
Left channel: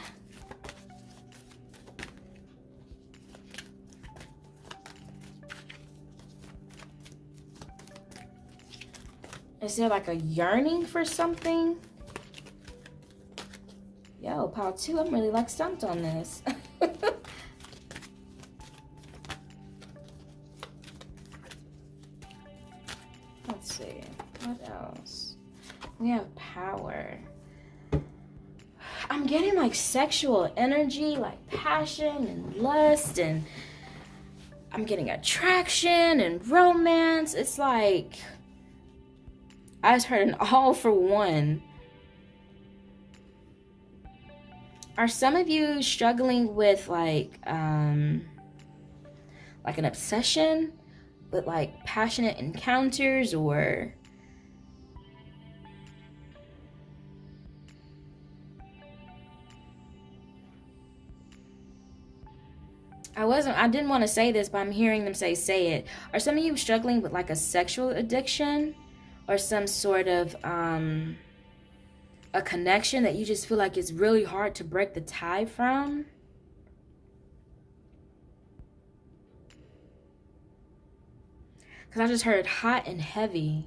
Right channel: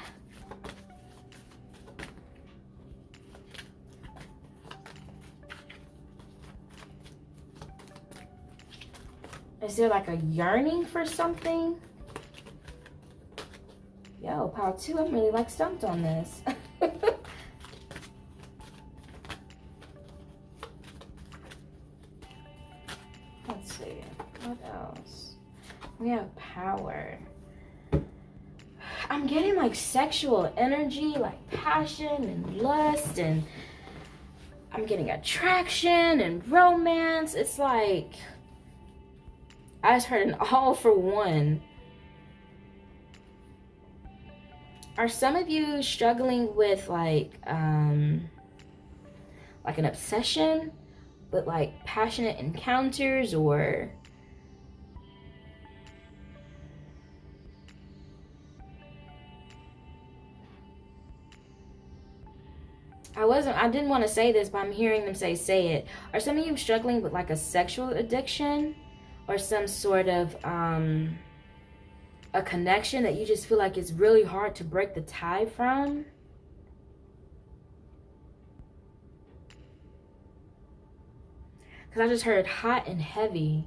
Is there like a yearning for something? Yo, pile 2, I'm really like stumped on this. Let's see, what else? We have power. I'm getting like sexual energy, like passion and lust, and I'm getting attraction and romance. It's like, I just heard an all for one Are some of you struggling with like an obsession with like passionate encounters, or I didn't want to say this, but I'm hearing them say it. Are some of you struggling with like a sexual addiction, or some sort of a connection that you just feel like it's really hard to break the tie from? Because I just heard hot and heavy.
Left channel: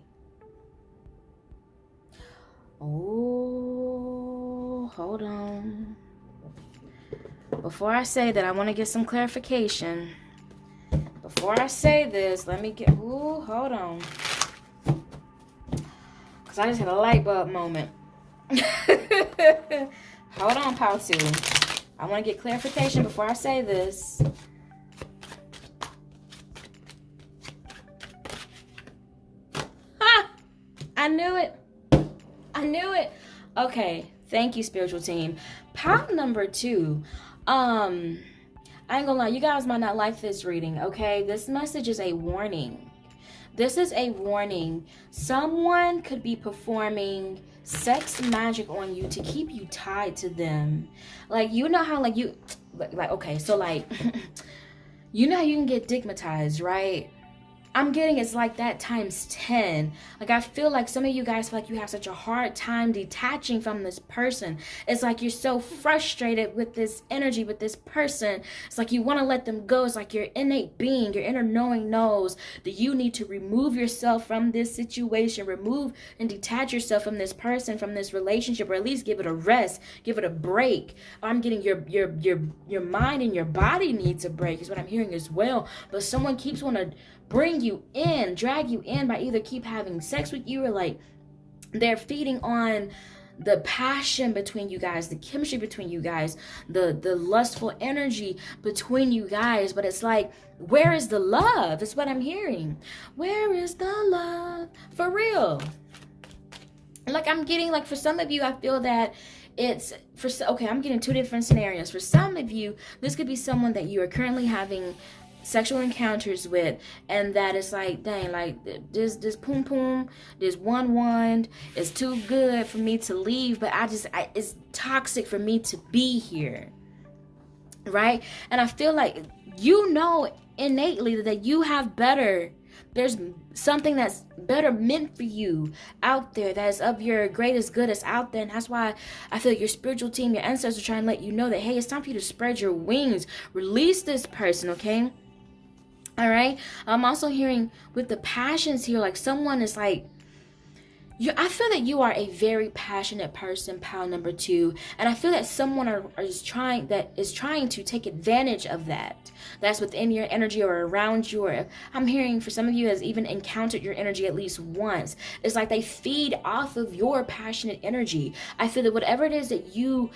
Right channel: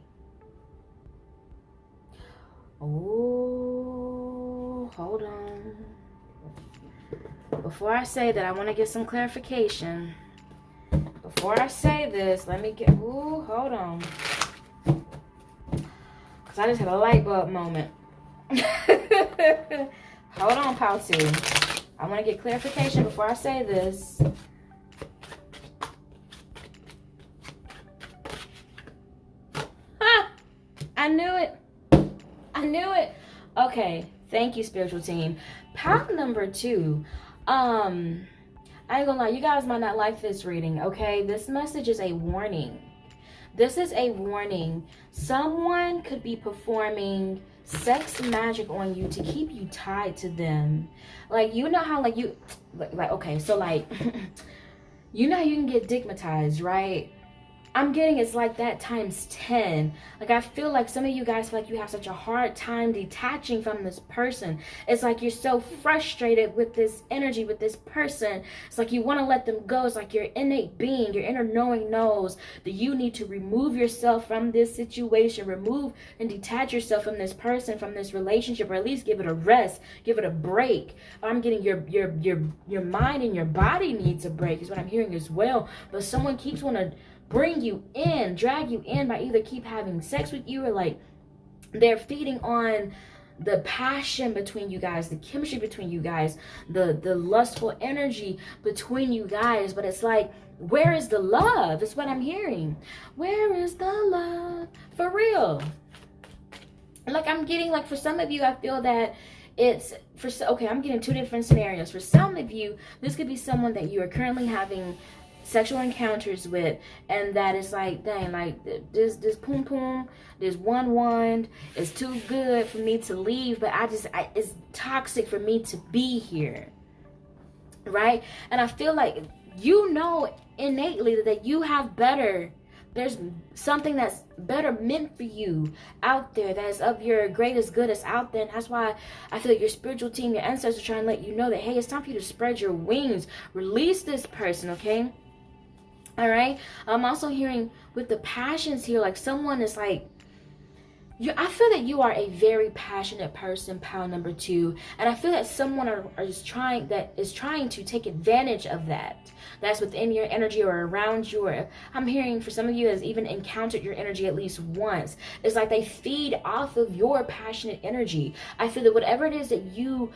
Oh, hold on. Before I say that, I want to get some clarification. Before I say this, let me get... Ooh, hold on. Because I just had a light bulb moment. Hold on, Pautu. I want to get clarification before I say this. I knew it. I knew it. Okay. Thank you, spiritual team. Pile number 2. I ain't gonna lie. You guys might not like this reading, okay? This message is a warning. This is a warning. Someone could be performing sex magic on you to keep you tied to them. Like, you know how, like, you... Like, okay, so, like... You know how you can get digmatized, right? I'm getting it's like that times 10. Like, I feel like some of you guys feel like you have such a hard time detaching from this person. It's like you're so frustrated with this energy, with this person. It's like you want to let them go. It's like your innate being, your inner knowing knows that you need to remove yourself from this situation. Remove and detach yourself from this person, from this relationship, or at least give it a rest, give it a break. I'm getting your mind and your body needs a break is what I'm hearing as well. But someone keeps wanting to bring you in, drag you in by either keep having sex with you, or like they're feeding on the passion between you guys, the chemistry between you guys, the lustful energy between you guys. But it's like, where is the love? It's what I'm hearing. Where is the love? For real. Like, I'm getting, like, for some of you, I feel that it's for... Okay, I'm getting 2 different scenarios. For some of you, this could be someone that you are currently having sexual encounters with, and that is like, dang, like this poom poom, this one is too good for me to leave, but it's toxic for me to be here, right? And I feel like, you know, innately that you have better, there's something that's better meant for you out there, that is of your greatest good is out there. And that's why I feel like your spiritual team, your ancestors, are trying to let you know that, hey, it's time for you to spread your wings, release this person, okay? All right. I'm also hearing with the passions here, like someone is like, I feel that you are a very passionate person, pile number 2, and I feel that someone is trying to take advantage of that. That's within your energy or around you. Or I'm hearing for some of you has even encountered your energy at least once. It's like they feed off of your passionate energy. I feel that whatever it is that you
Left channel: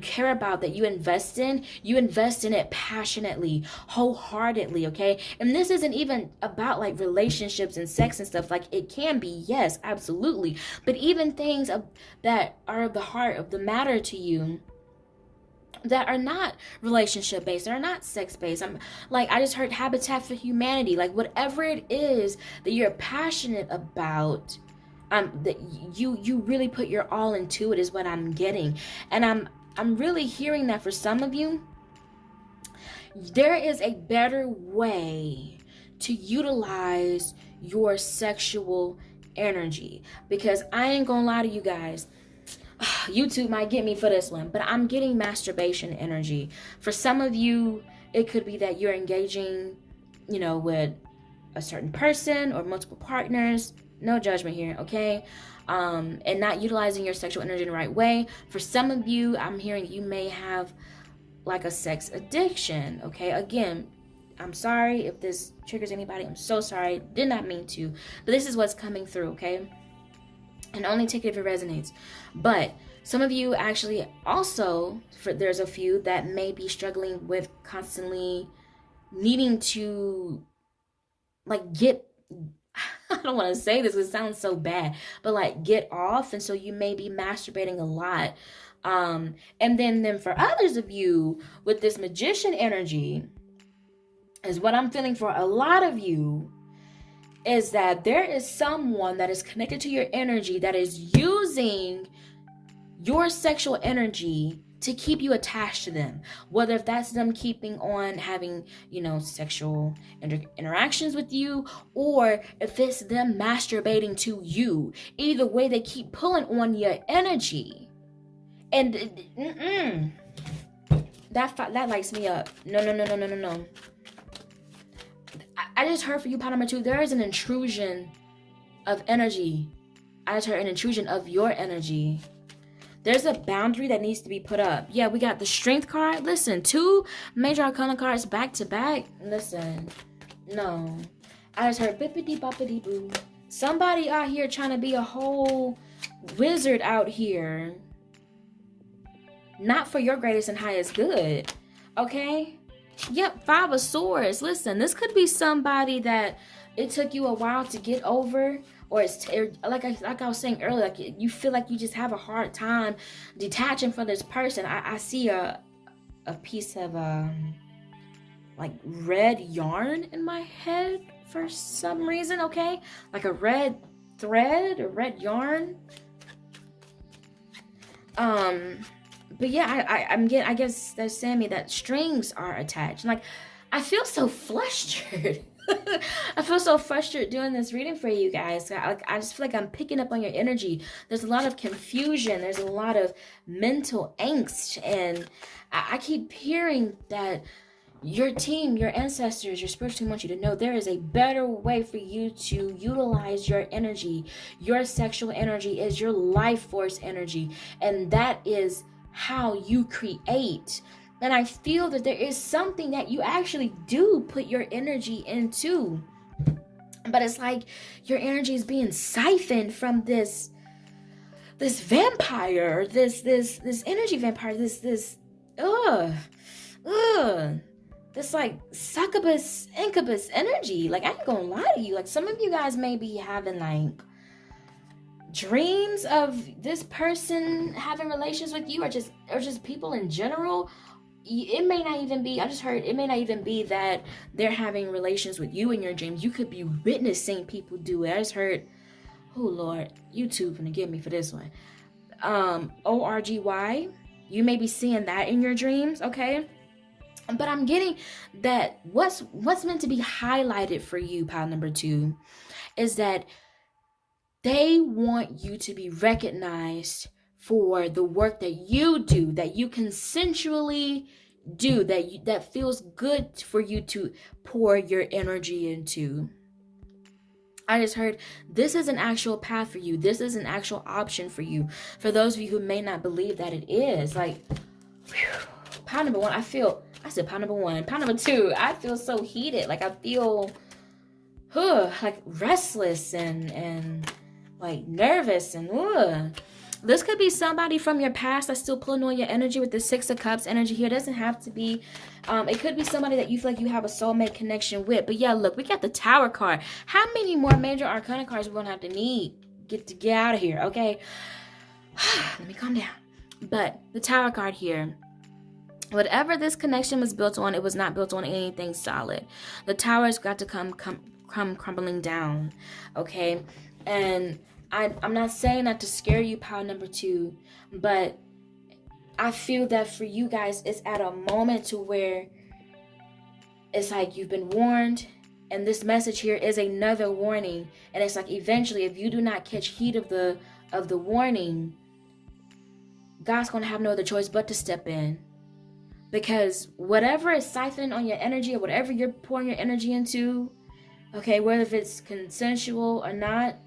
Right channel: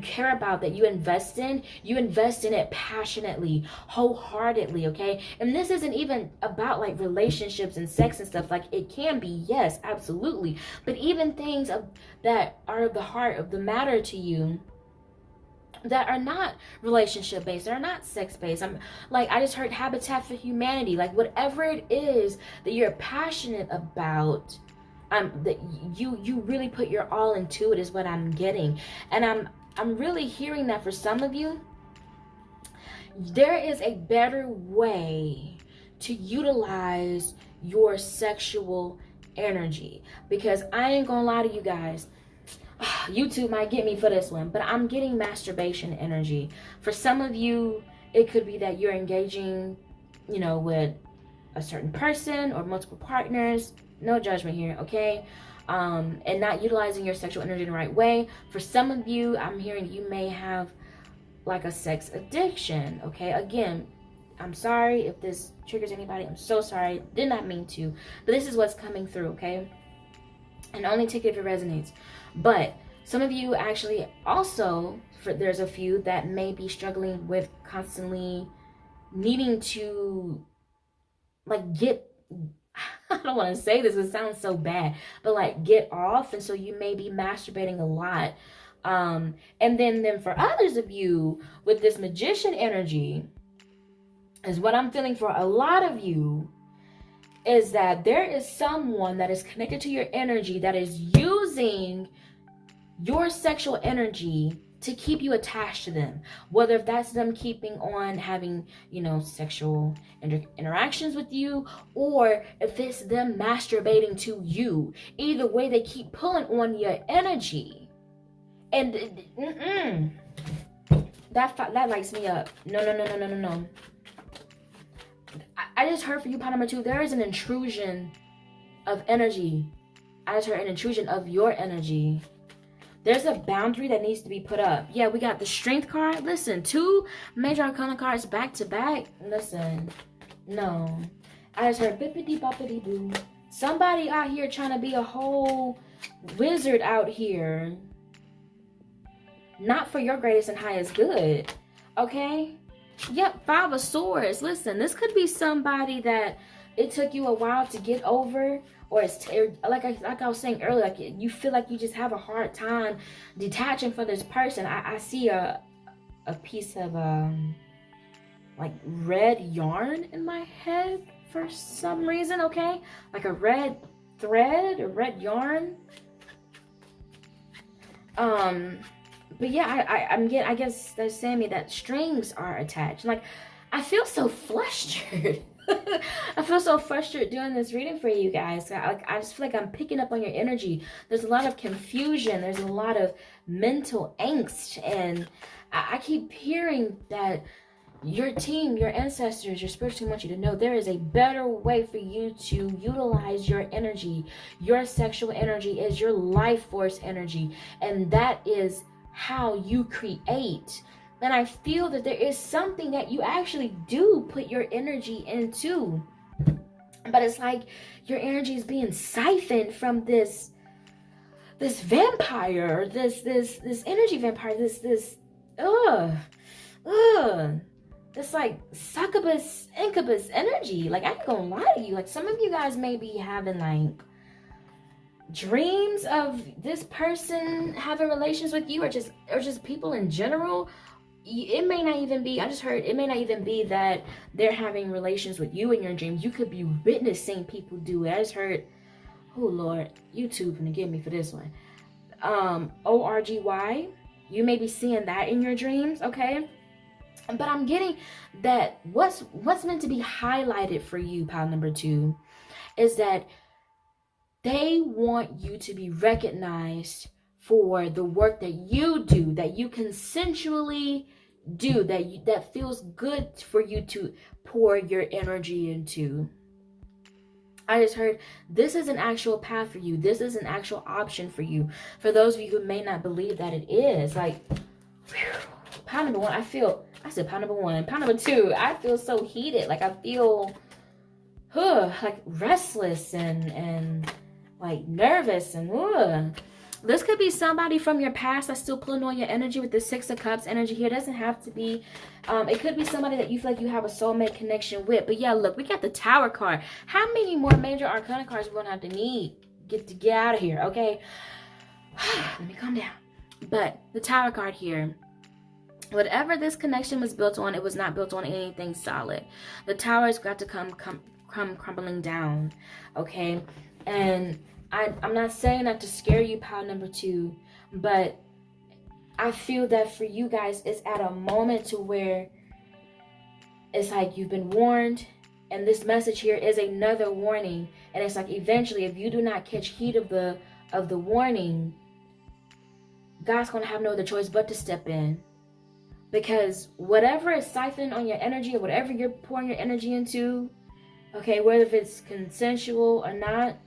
care about, that you invest in it passionately, wholeheartedly, okay? And this isn't even about like relationships and sex and stuff. Like, it can be, yes, absolutely, but even things that are of the heart, of the matter to you, that are not relationship based, that are not sex based. I just heard Habitat for Humanity. Like, whatever it is that you're passionate about, that you really put your all into it, is what I'm getting. And I'm really hearing that for some of you, there is a better way to utilize your sexual energy. Because I ain't gonna lie to you guys, YouTube might get me for this one, but I'm getting masturbation energy. For some of you, it could be that you're engaging, you know, with a certain person or multiple partners. No judgment here, okay? And not utilizing your sexual energy in the right way. For some of you, I'm hearing you may have like a sex addiction, okay? Again, I'm sorry if this triggers anybody. I'm so sorry. Did not mean to. But this is what's coming through, okay? And only take it if it resonates. But some of you actually also, there's a few that may be struggling with constantly needing to like get I don't want to say this, it sounds so bad, but like get off. And so you may be masturbating a lot. And then for others of you with this magician energy, is what I'm feeling for a lot of you, is that there is someone that is connected to your energy that is using your sexual energy to keep you attached to them, whether if that's them keeping on having, sexual interactions with you, or if it's them masturbating to you. Either way, they keep pulling on your energy, and that lights me up. No. I just heard for you, part number 2, there is an intrusion of energy. I just heard an intrusion of your energy. There's a boundary that needs to be put up. Yeah, we got the Strength card. Listen, 2 major arcana cards back to back. Listen, no. I just heard bippity boppity boo. Somebody out here trying to be a whole wizard out here. Not for your greatest and highest good. Okay? Yep, 5 of Swords. Listen, this could be somebody that it took you a while to get over, or it's like I was saying earlier, like you feel like you just have a hard time detaching from this person. I see a piece of like red yarn in my head for some reason. Okay, like a red thread, a red yarn. But yeah, I guess they're saying me that strings are attached. Like, I feel so flustered. I feel so frustrated doing this reading for you guys. I just feel like I'm picking up on your energy. There's a lot of confusion. There's a lot of mental angst. And I keep hearing that your team, your ancestors, your spiritual team want you to know there is a better way for you to utilize your energy. Your sexual energy is your life force energy. And that is how you create. And I feel that there is something that you actually do put your energy into, but it's like your energy is being siphoned from this vampire, this energy vampire, this like succubus incubus energy. Like, I ain't gonna lie to you, like some of you guys may be having like dreams of this person having relations with you, or just people in general. It may not even be, I just heard, it may not even be that they're having relations with you in your dreams. You could be witnessing people do it. I just heard, oh Lord, YouTube gonna get me for this one. ORGY, you may be seeing that in your dreams, okay? But I'm getting that what's meant to be highlighted for you, pile number 2, is that they want you to be recognized for the work that you do, that you consensually do, that feels good for you to pour your energy into. I just heard this is an actual path for you. This is an actual option for you. For those of you who may not believe that it is, like, pound number 1, I said pound number 1. Pound number 2, I feel so heated. Like, I feel like restless and like nervous and This could be somebody from your past that's still pulling on your energy with the 6 of Cups energy here. It doesn't have to be, it could be somebody that you feel like you have a soulmate connection with. But yeah, look, we got the Tower card. How many more major arcana cards we're going to have to get out of here, okay? Let me calm down. But the Tower card here, whatever this connection was built on, it was not built on anything solid. The Tower has got to come crumbling down, okay? And I'm not saying that to scare you, pile number 2, but I feel that for you guys, it's at a moment to where it's like you've been warned, and this message here is another warning. And it's like eventually, if you do not catch heed of the warning, God's going to have no other choice but to step in. Because whatever is siphoning on your energy, or whatever you're pouring your energy into, okay, whether if it's consensual or not,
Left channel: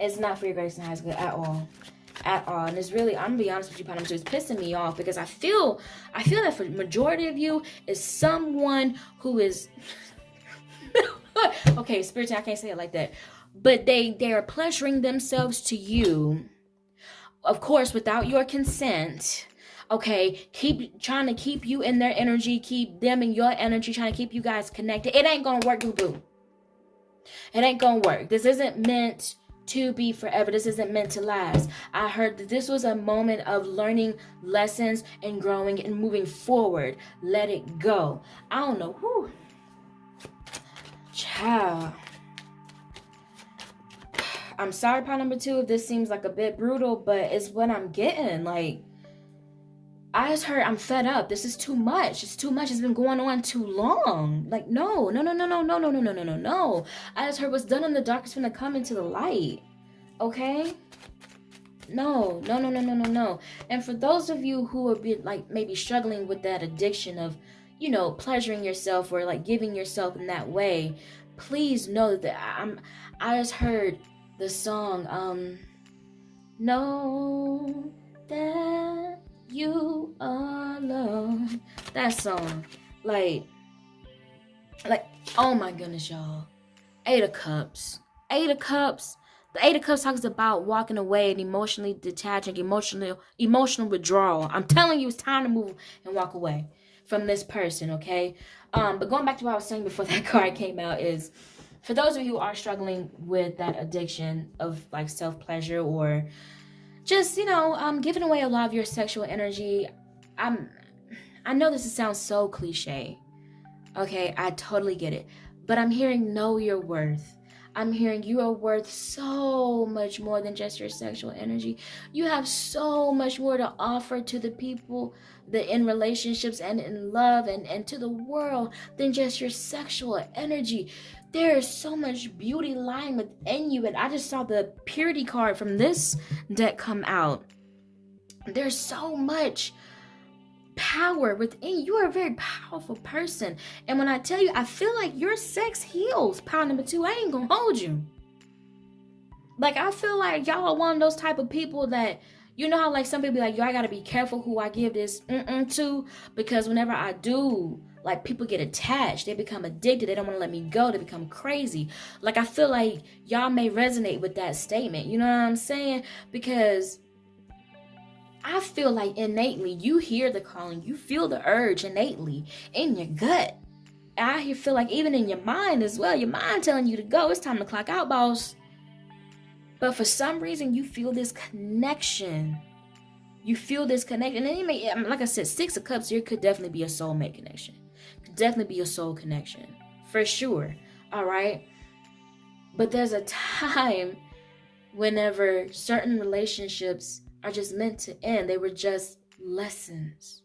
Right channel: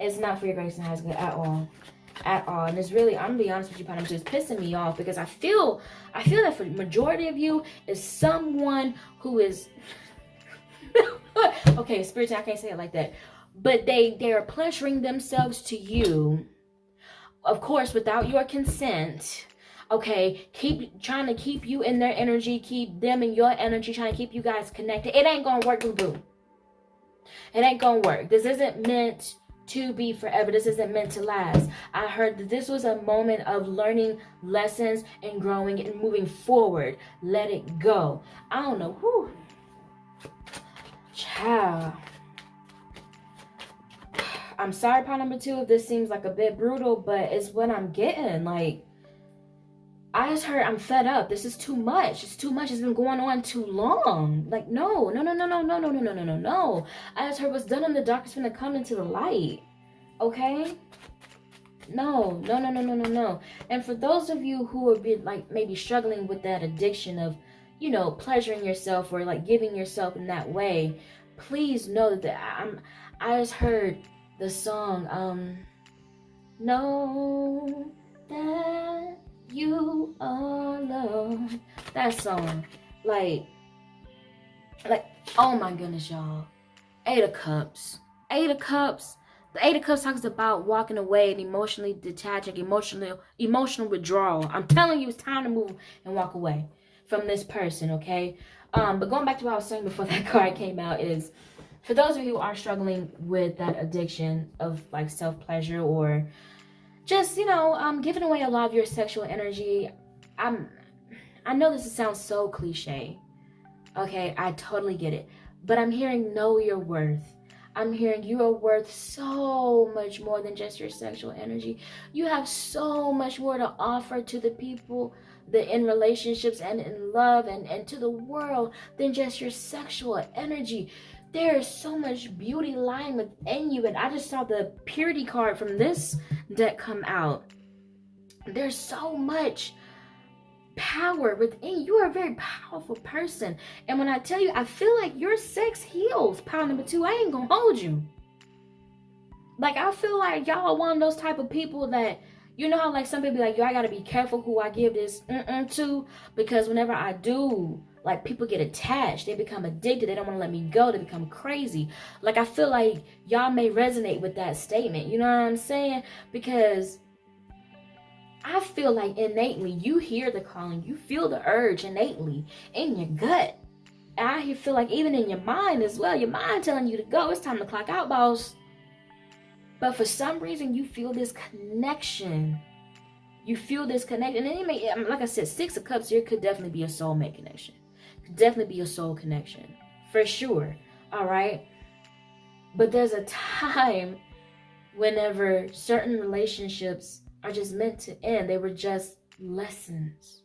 it's not for your grace and highest good at all. And it's really, I'm gonna be honest with you, Pam, it's pissing me off, because I feel that for the majority of you is someone who is okay, spiritual, I can't say it like that, but they are pleasuring themselves to you, of course, without your consent. Okay, keep trying to keep you in their energy, keep them in your energy, trying to keep you guys connected. It ain't gonna work, boo-boo. It ain't gonna work. This isn't meant to be forever. This isn't meant to last. I heard that this was a moment of learning lessons and growing and moving forward. Let it go. I don't know. Whew. Child. I'm sorry, pile number 2, if this seems like a bit brutal, but it's what I'm getting. Like, I just heard I'm fed up. This is too much. It's too much. It's been going on too long. Like, no. I just heard what's done in the dark is gonna come into the light. Okay? No. And for those of you who would be like maybe struggling with that addiction of, you know, pleasuring yourself or like giving yourself in that way, please know that I just heard the song, know that you are alone. That song. Like, oh my goodness, y'all. 8 of Cups. 8 of Cups. The 8 of Cups talks about walking away and emotionally detaching, emotional withdrawal. I'm telling you, it's time to move and walk away from this person, okay? But going back to what I was saying before that card came out is, for those of you who are struggling with that addiction of like self-pleasure or just, you know, giving away a lot of your sexual energy, I know this sounds so cliche, okay? I totally get it. But I'm hearing know your worth. I'm hearing you are worth so much more than just your sexual energy. You have so much more to offer to the people that in relationships and in love and to the world than just your sexual energy. There is so much beauty lying within you. And I just saw the purity card from this deck come out. There's so much power within you. Are a very powerful person. And when I tell you, I feel like your sex heals. Pile number 2, I ain't gonna hold you. Like, I feel like y'all are one of those type of people that, you know how like some people be like, yo, I gotta be careful who I give this to, because whenever I do, like, people get attached. They become addicted. They don't want to let me go. They become crazy. Like, I feel like y'all may resonate with that statement. You know what I'm saying? Because I feel like innately you hear the calling. You feel the urge innately in your gut. And I feel like even in your mind as well. Your mind telling you to go. It's time to clock out, boss. But for some reason, you feel this connection. You feel this connection. And it may, like I said, 6 of Cups here could definitely be a soulmate connection. Could definitely be a soul connection. For sure. All right? But there's a time whenever certain relationships are just meant to end. They were just lessons.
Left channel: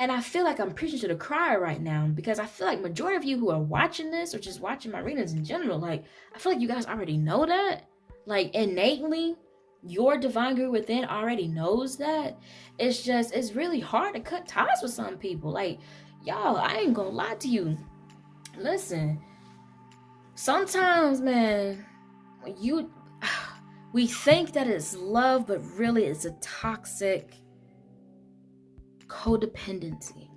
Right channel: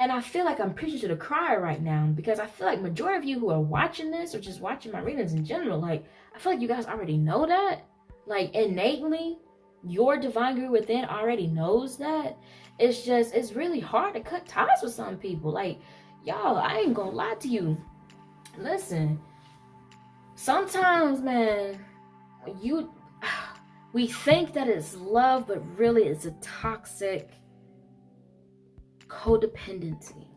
And I feel like I'm preaching to the choir right now, because I feel like majority of you who are watching this or just watching my readings in general, like, I feel like you guys already know that. Like, innately, your divine guru within already knows that. It's just, it's really hard to cut ties with some people. Like, y'all, I ain't gonna lie to you. Listen, sometimes, man, we think that it's love, but really it's a toxic codependency.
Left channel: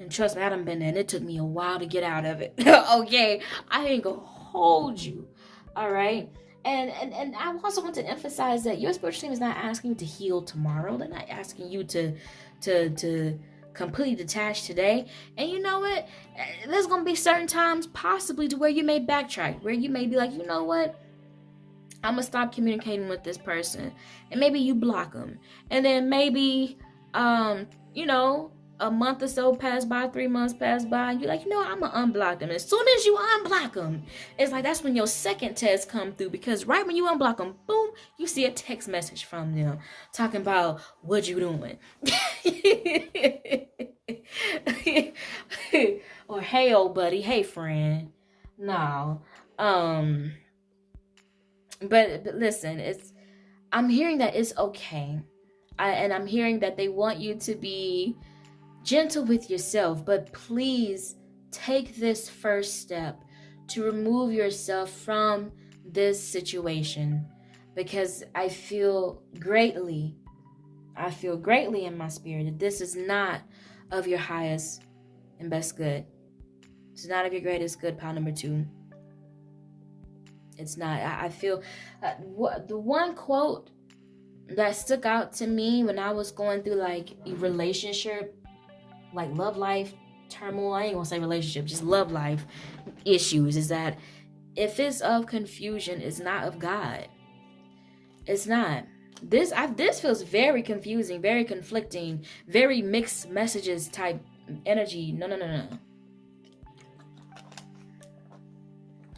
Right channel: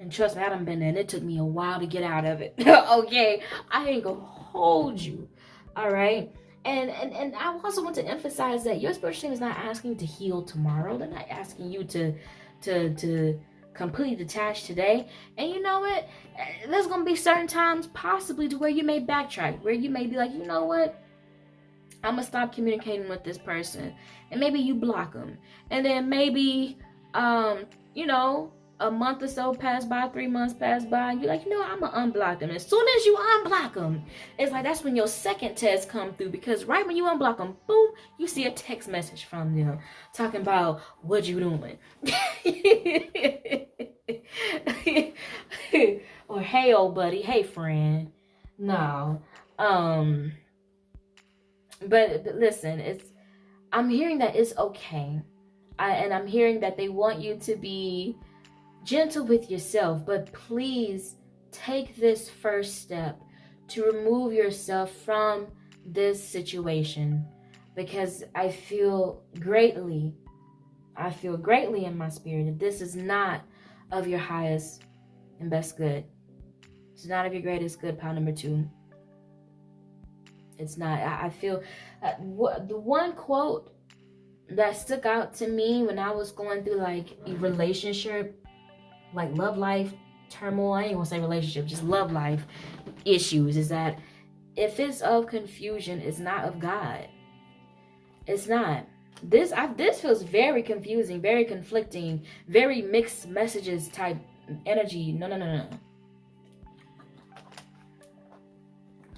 And trust me, I done been there, and it took me a while to get out of it. Okay, I ain't gonna hold you. All right. And I also want to emphasize that your spiritual team is not asking you to heal tomorrow. They're not asking you to completely detach today. And you know what? There's going to be certain times possibly to where you may backtrack, where you may be like, you know what? I'm going to stop communicating with this person. And maybe you block them. And then maybe, you know, a month or so pass by, 3 months pass by, and you're like, you know, I'm gonna unblock them. As soon as you unblock them, it's like that's when your second test come through, because right when you unblock them, boom, you see a text message from them talking about what you doing. Or, hey, old buddy, hey, friend. No. But listen, I'm hearing that it's okay. And I'm hearing that they want you to be gentle with yourself, but please take this first step to remove yourself from this situation, because I feel greatly in my spirit that this is not of your highest and best good. It's not of your greatest good, pile number 2. It's not. I feel the one quote that stuck out to me when I was going through like a relationship, like love life turmoil, I ain't gonna say relationship, just love life issues, is that if it's of confusion, it's not of God. It's not. This feels very confusing, very conflicting, very mixed messages type energy. No.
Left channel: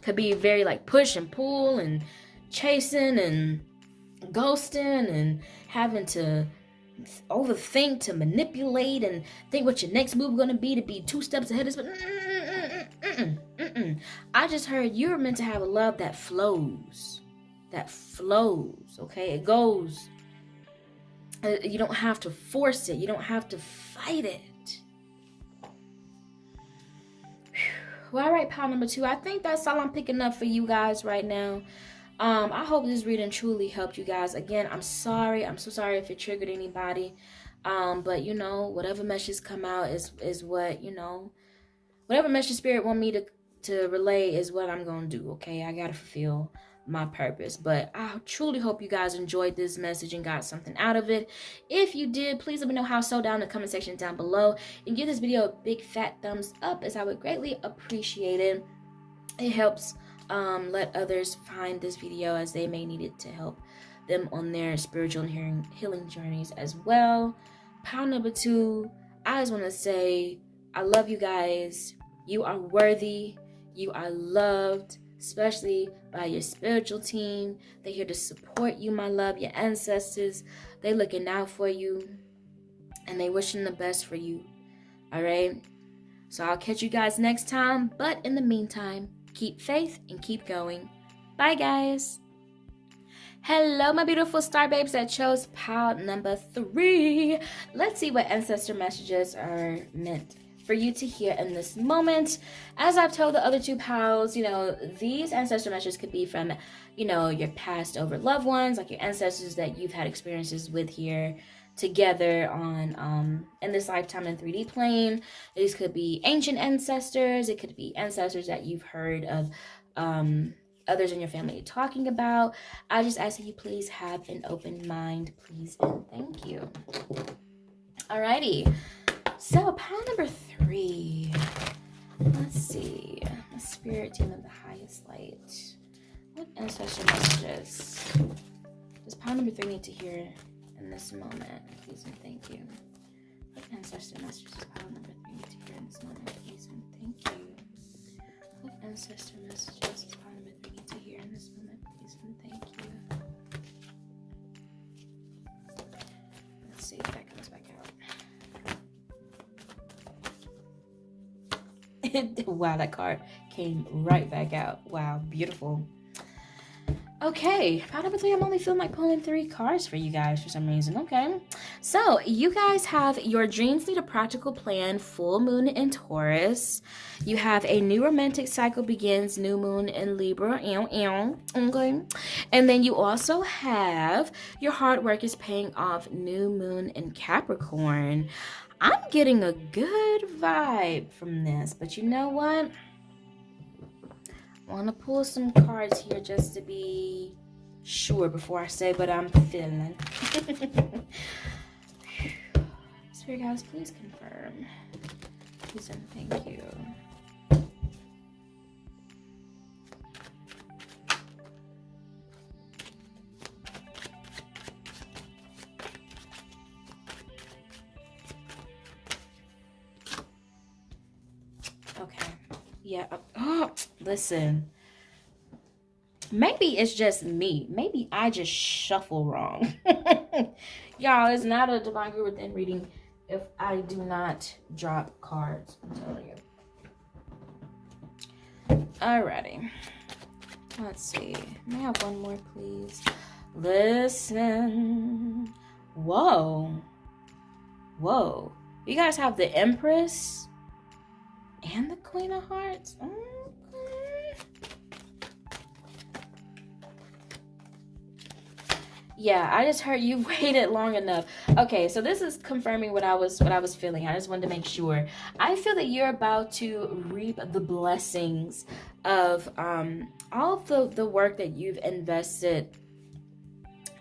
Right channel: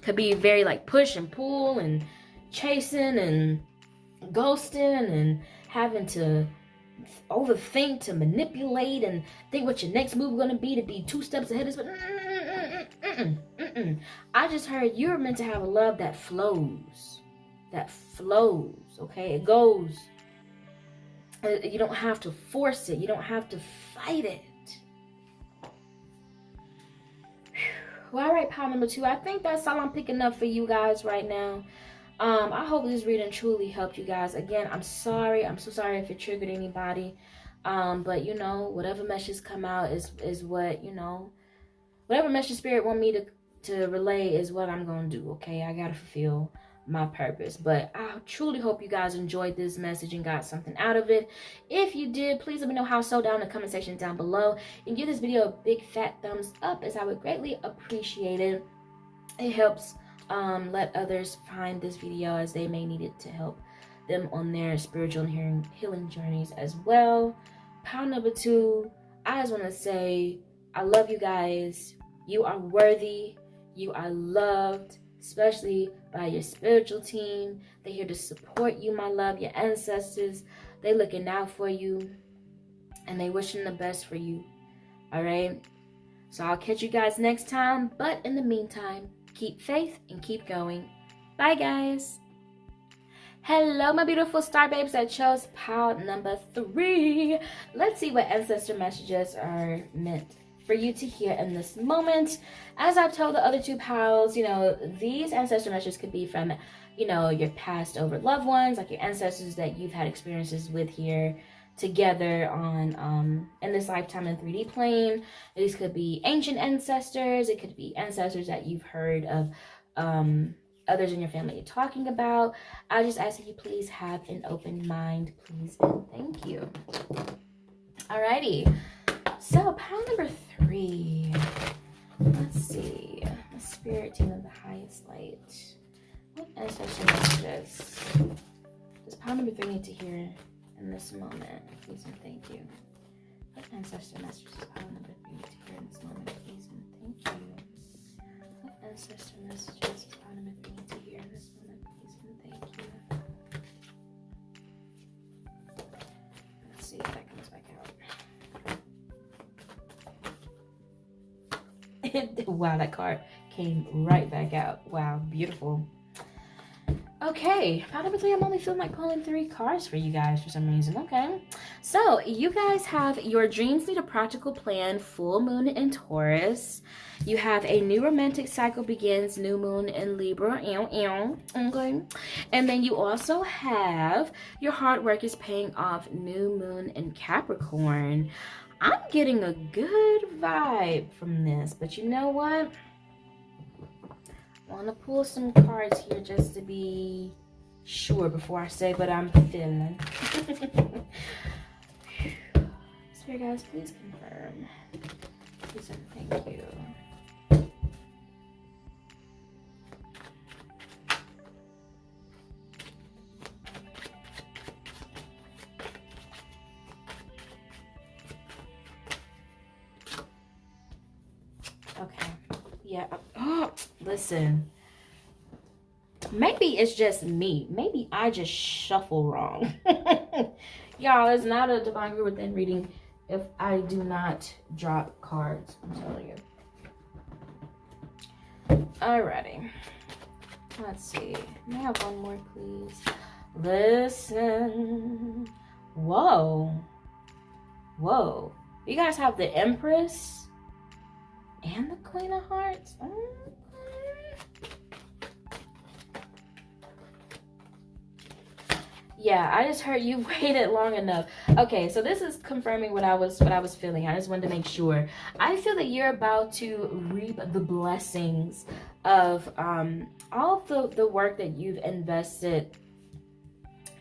Could be very like push and pull and chasing and ghosting and having to overthink, to manipulate and think what your next move is going to be 2 steps ahead of I just heard you're meant to have a love that flows. Okay? It goes. You don't have to force it. You don't have to fight it. Well, all right, pile number 2. I think that's all I'm picking up for you guys right now. I hope this reading truly helped you guys. Again, I'm sorry. I'm so sorry if it triggered anybody. But you know, whatever messages come out is what, you know, whatever message spirit want me to relay is what I'm gonna do. Okay, I gotta fulfill my purpose. But I truly hope you guys enjoyed this message and got something out of it. If you did, please let me know how so down in the comment section down below, and give this video a big fat thumbs up, as I would greatly appreciate it. It helps let others find this video, as they may need it to help them on their spiritual and healing journeys as well. Pile number 2, I just want to say I love you guys. You are worthy. You are loved, especially by your spiritual team. They're here to support you, my love. Your ancestors, they looking out for you, and they wishing the best for you. All right? So I'll catch you guys next time. But in the meantime, keep faith and keep going. Bye, guys. Hello, my beautiful star babes that chose pile number 3. Let's see what ancestor messages are meant for you to hear in this moment. As I've told the other 2 piles, you know, these ancestor messages could be from, you know, your passed over loved ones, like your ancestors that you've had experiences with here together on in this lifetime in 3D plane. These could be ancient ancestors. It could be ancestors that you've heard of others in your family talking about. I just ask that you please have an open mind, please, and thank you. Alrighty, so pile number 3. Let's see. My spirit team of the highest light. What ancestor messages does pile number 3 need to hear in this moment, please and thank you? What ancestor messages does pile number 3 need to hear in this moment, please and thank you? What ancestor messages does pile number 3 need to hear in this moment, please and thank you? Let's see if that comes back out. Wow, that card came right back out. Wow, beautiful. Okay, pile number 3, I'm only feeling like pulling 3 cards for you guys for some reason. Okay, so you guys have your dreams need a practical plan, full moon in Taurus. You have a new romantic cycle begins, new moon in Libra. Okay, and then you also have your hard work is paying off, new moon in Capricorn. I'm getting a good vibe from this, but you know what? I want to pull some cards here just to be sure before I say what I'm feeling. Spirit guys, please confirm. Please and thank you. Okay. Yeah. Oh, listen. Maybe it's just me. Maybe I just shuffle wrong. Y'all, it's not a Divine Guru Within reading if I do not drop cards. I'm telling you. Alrighty. Let's see. May I have one more, please? Listen. Whoa. Whoa. You guys have the Empress and the Queen of Hearts. Yeah, I just heard you waited long enough. Okay, so this is confirming what I was feeling. I just wanted to make sure. I feel that you're about to reap the blessings of all of the work that you've invested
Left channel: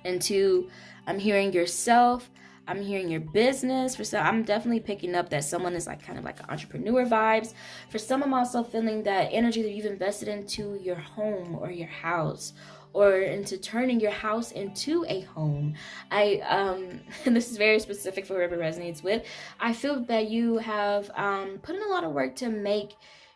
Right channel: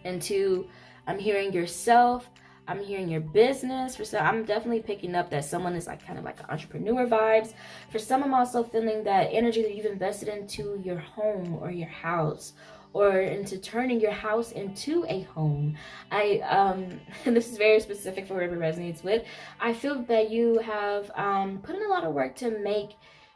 into. I'm hearing yourself. I'm hearing your business. For some, I'm definitely picking up that someone is like kind of like entrepreneur vibes. For some, I'm also feeling that energy that you've invested into your home or your house, or into turning your house into a home. And this is very specific for whoever resonates with. I feel that you have put in a lot of work to make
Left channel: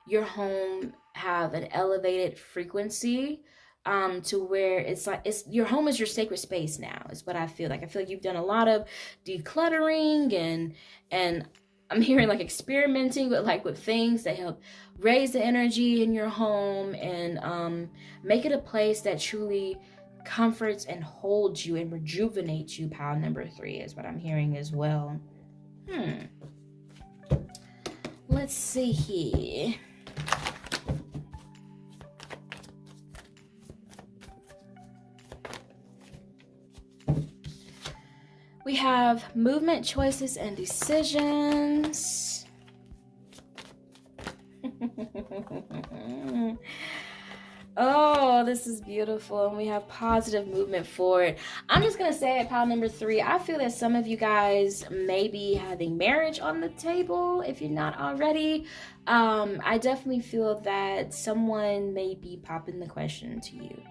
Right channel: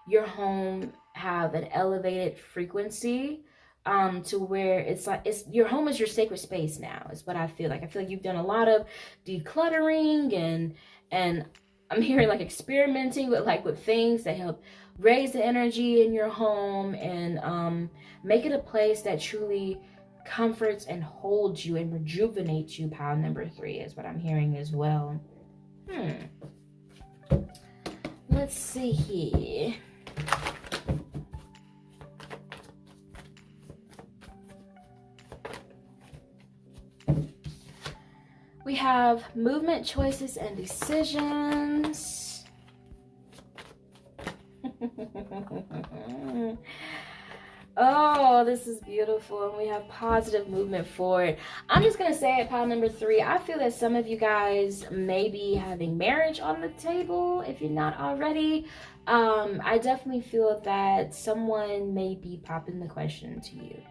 your home have an elevated frequency, to where it's like your home is your sacred space now, is what I feel like. I feel like you've done a lot of decluttering, and I'm hearing like experimenting with things that help raise the energy in your home, and make it a place that truly comforts and holds you and rejuvenates you. Pile number 3 is what I'm hearing as well. Let's see here. We have movement, choices, and decisions. Oh, this is beautiful. And we have positive movement forward. I'm just going to say at pile number 3, I feel that some of you guys may be having marriage on the table if you're not already. I definitely feel that someone may be popping the question to you.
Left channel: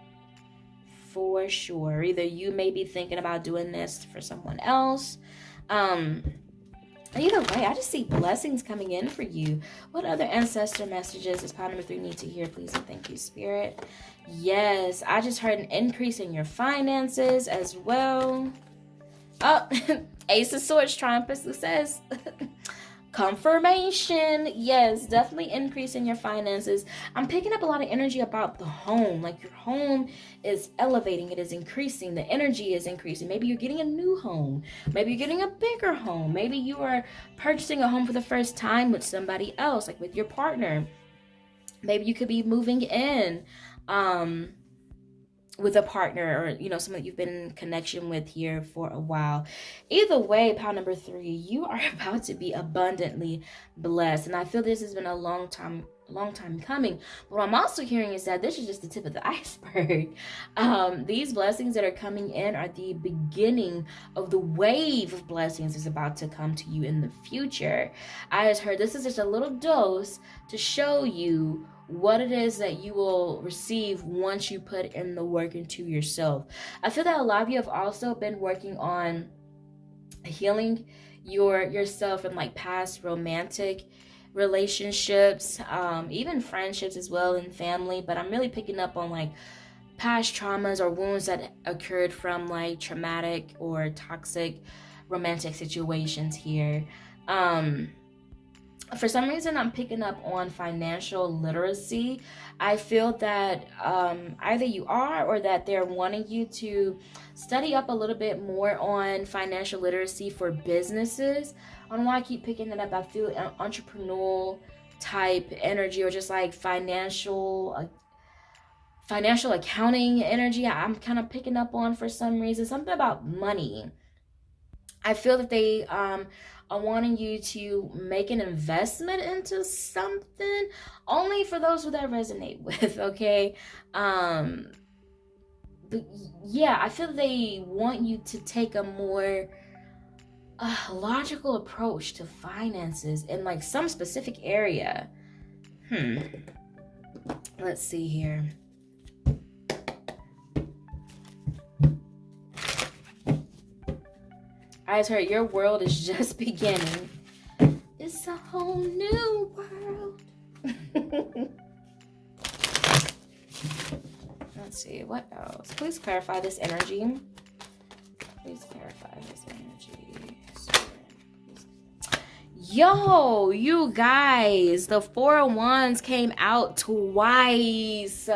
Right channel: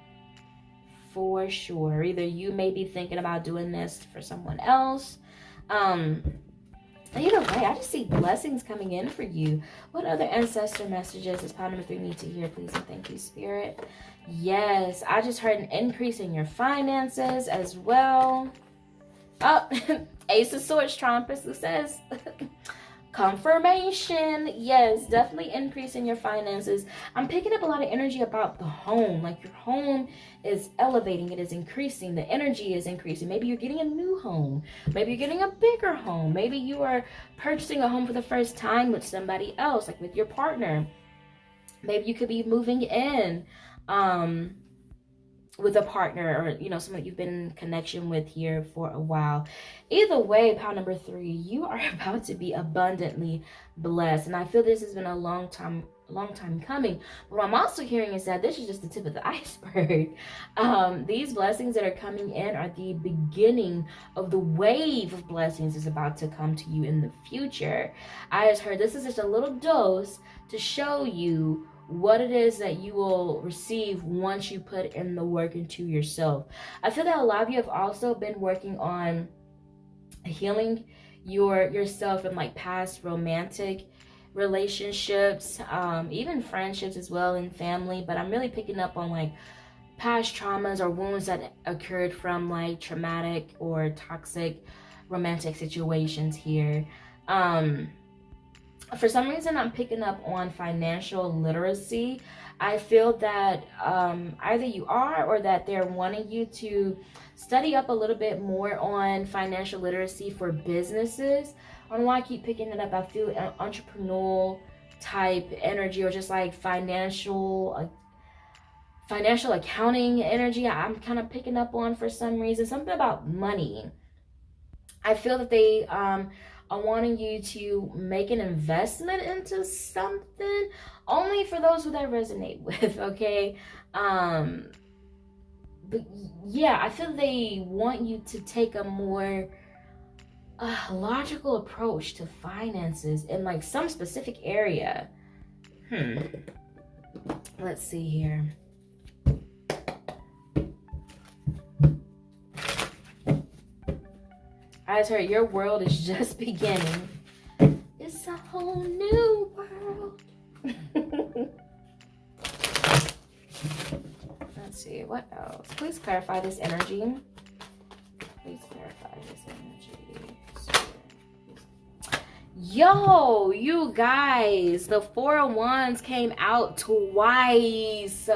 For sure. Either you may be thinking about doing this for someone else. Either way, I just see blessings coming in for you. What other ancestor messages does pile number 3 need to hear, please? And thank you, Spirit. Yes, I just heard an increase in your finances as well. Oh, Ace of Swords, Trumpet says confirmation. Yes, definitely increase in your finances. I'm picking up a lot of energy about the home. Like your home is elevating, it is increasing, the energy is increasing. Maybe you're getting a new home, maybe you're getting a bigger home, maybe you are purchasing a home for the first time with somebody else, like with your partner. Maybe you could be moving in with a partner, or someone that you've been in connection with here for a while. Either way, pile number 3, you are about to be abundantly blessed, and I feel this has been a long time coming. But what I'm also hearing is that this is just the tip of the iceberg. These blessings that are coming in are the beginning of the wave of blessings is about to come to you in the future. I just heard this is just a little dose to show you what it is that you will receive once you put in the work into yourself. I feel that a lot of you have also been working on healing yourself from like past romantic relationships, even friendships as well, and family. But I'm really picking up on like past traumas or wounds that occurred from like traumatic or toxic romantic situations here. For some reason, I'm picking up on financial literacy. I feel that either you are, or that they're wanting you to study up a little bit more on financial literacy for businesses. I don't know why I keep picking it up. I feel entrepreneurial type energy, or just like financial accounting energy. I'm kind of picking up on for some reason. Something about money. I feel that they are wanting you to make an investment into something, only for those who that resonate with, okay? But yeah, I feel they want you to take a more logical approach to finances in like some specific area. Let's see here. I just heard your world is just beginning. It's a whole new world. Let's see, what else? Please clarify this energy. Please clarify this energy. Yo, you guys, the 4 of Wands came out twice.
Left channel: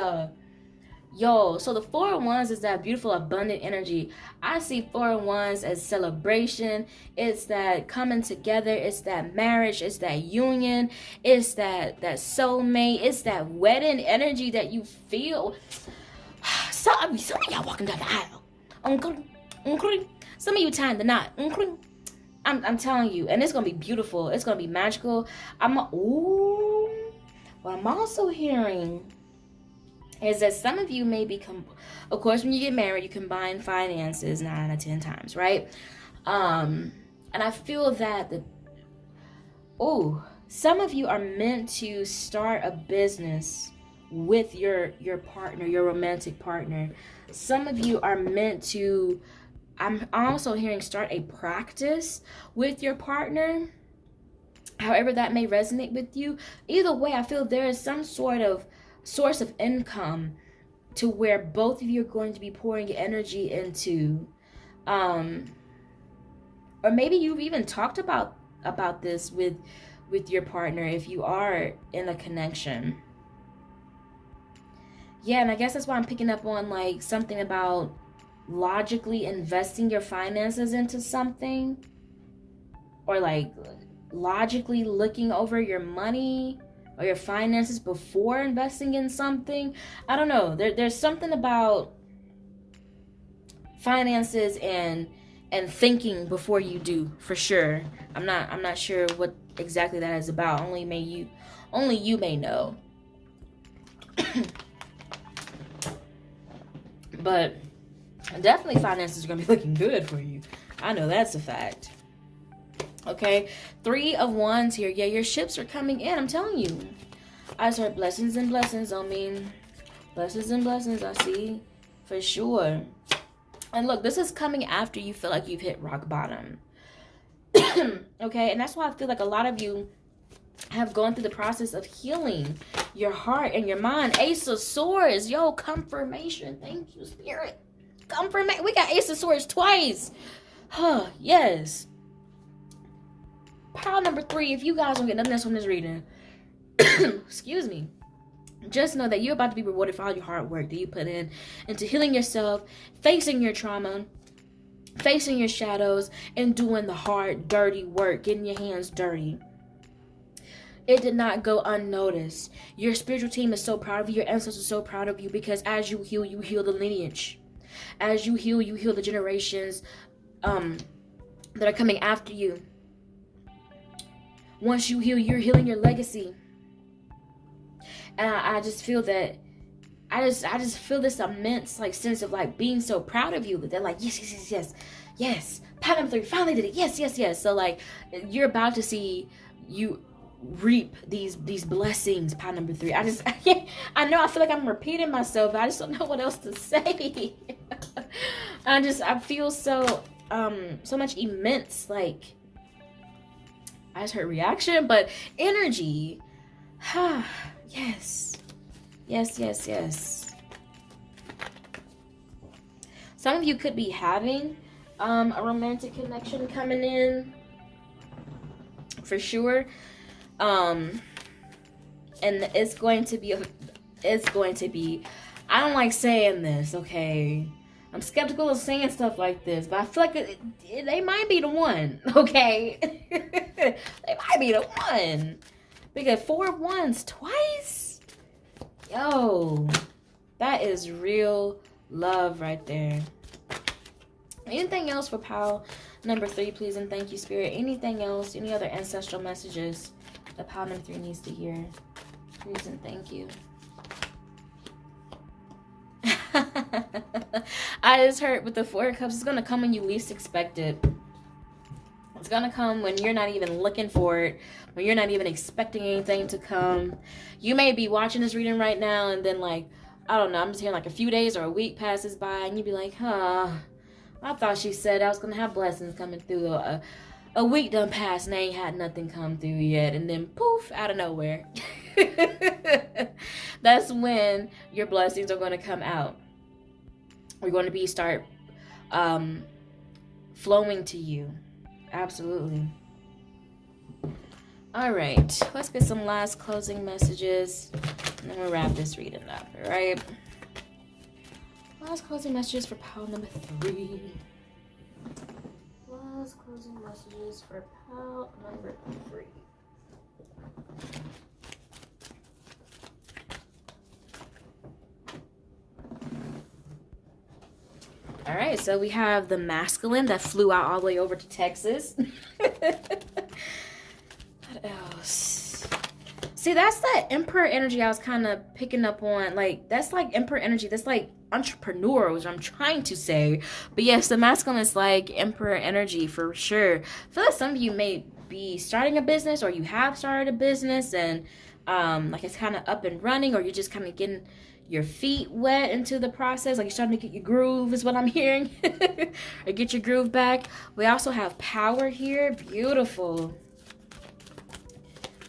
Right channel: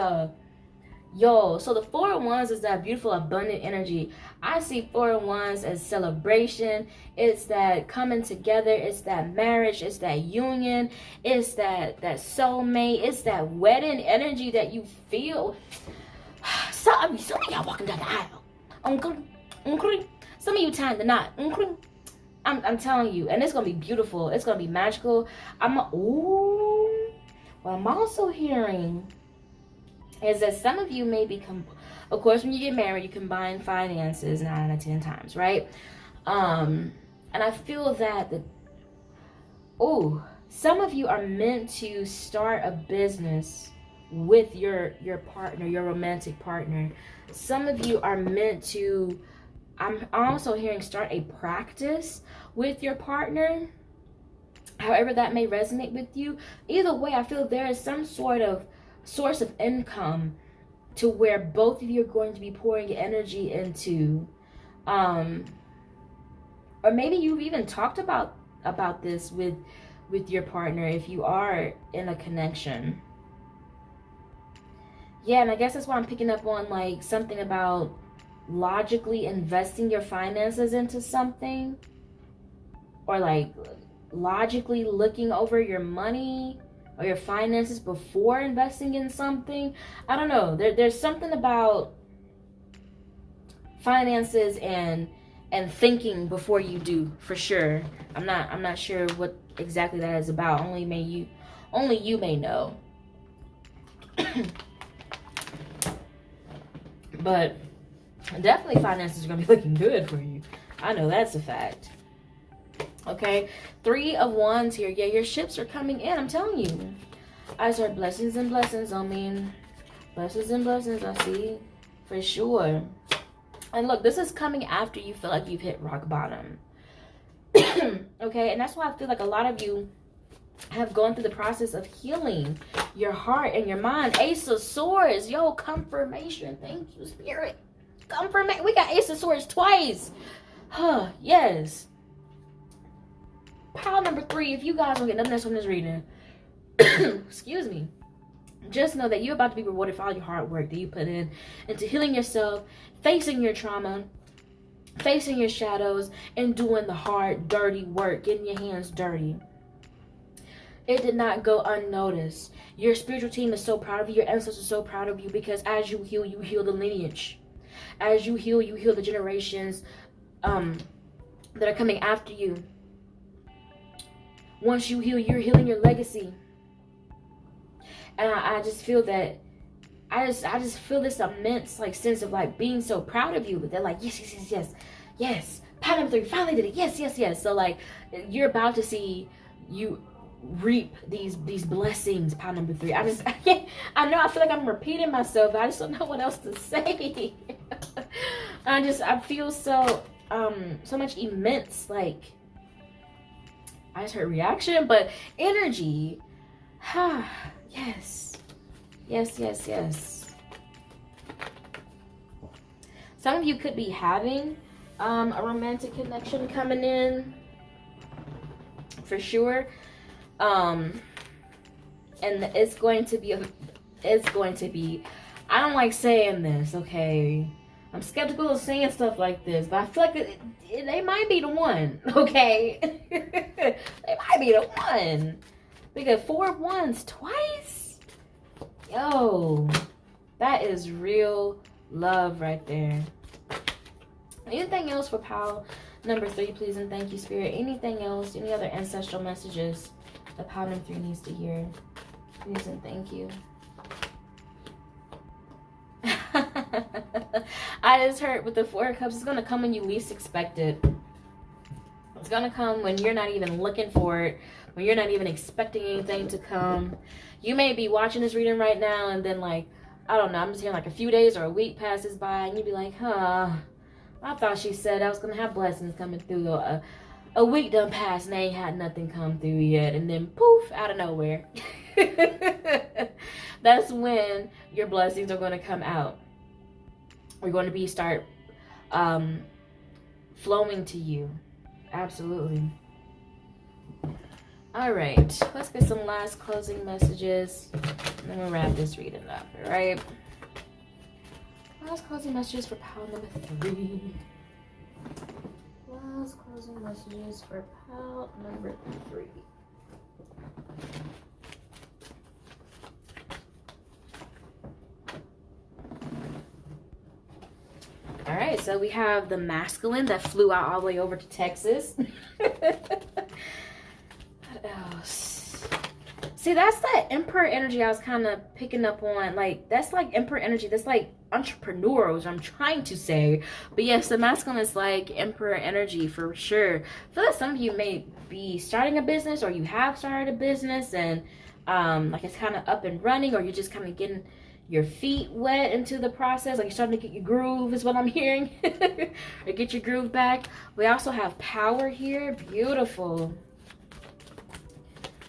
Yo, so the 4 of Wands is that beautiful, abundant energy. I see 4 of Wands as celebration. It's that coming together. It's that marriage. It's that union. It's that soulmate. It's that wedding energy that you feel. So I mean, some of y'all walking down the aisle. Some of you tying the knot. I'm telling you, and it's gonna be beautiful. It's gonna be magical. What I'm also hearing is that some of you may become, of course, when you get married, you combine finances 9 out of 10 times, right? And I feel that some of you are meant to start a business with your partner, your romantic partner. Some of you are meant to, I'm also hearing, start a practice with your partner. However that may resonate with you. Either way, I feel there is some sort of source of income to where both of you are going to be pouring energy into. Or maybe you've even talked about this with your partner if you are in a connection. Yeah, and I guess that's why I'm picking up on like something about logically investing your finances into something, or like logically looking over your money or your finances before investing in something. I don't know. There's something about finances and thinking before you do, for sure. I'm not sure what exactly that is about. Only you may know. But definitely finances are gonna be looking good for you. I know that's a fact. Okay, 3 of Wands here. Yeah, your ships are coming in. I'm telling you. I heard blessings and blessings. I mean, blessings and blessings. I see, for sure. And look, this is coming after you feel like you've hit rock bottom. Okay, and that's why I feel like a lot of you have gone through the process of healing your heart and your mind. Ace of Swords. Yo, confirmation. Thank you, Spirit. Confirmation. We got Ace of Swords twice. Yes. Pile number 3, if you guys don't get nothing else from this reading, excuse me, just know that you're about to be rewarded for all your hard work that you put into healing yourself, facing your trauma, facing your shadows, and doing the hard, dirty work, getting your hands dirty. It did not go unnoticed. Your spiritual team is so proud of you. Your ancestors are so proud of you, because as you heal the lineage. As you heal the generations that are coming after you. Once you heal, you're healing your legacy. And I just feel that, I just feel this immense like sense of like being so proud of you. That they're like, yes. Pile number 3, finally did it. Yes. So like, you're about to see you reap these blessings. Pile number 3. I know I feel like I'm repeating myself, but I just don't know what else to say. I feel so much immense, like, I just heard reaction, but energy. Yes. Some of you could be having a romantic connection coming in, for sure. And it's going to be, I don't like saying this, okay? I'm skeptical of saying stuff like this, but I feel like they might be the one, okay? They might be the one. Because 4 of Wands twice? Yo, that is real love right there. Anything else for pile number 3, please, and thank you, Spirit. Anything else? Any other ancestral messages that pile number 3 needs to hear? Please and thank you. I just heard with the 4 of Cups, it's going to come when you least expect it. It's going to come when you're not even looking for it, when you're not even expecting anything to come. You may be watching this reading right now, and then like, I don't know, I'm just hearing like a few days or a week passes by, and you'd be like, I thought she said I was going to have blessings coming through. A week done passed and they ain't had nothing come through yet. And then poof, out of nowhere. That's when your blessings are going to come out. We're going to start flowing to you. Absolutely. All right. Let's get some last closing messages. And then we'll wrap this reading up. All right. Last closing messages for pile number 3. Last closing messages for pile number 3. All right, so we have the masculine that flew out all the way over to Texas. What else? See, that's that Emperor energy I was kind of picking up on. Like, that's like Emperor energy. That's like entrepreneur, which I'm trying to say. But yes, the masculine is like Emperor energy for sure. I feel like some of you may be starting a business, or you have started a business, and like it's kind of up and running, or you're just kind of getting your feet wet into the process. Like you're starting to get your groove, is what I'm hearing. Or get your groove back. We also have power here. Beautiful.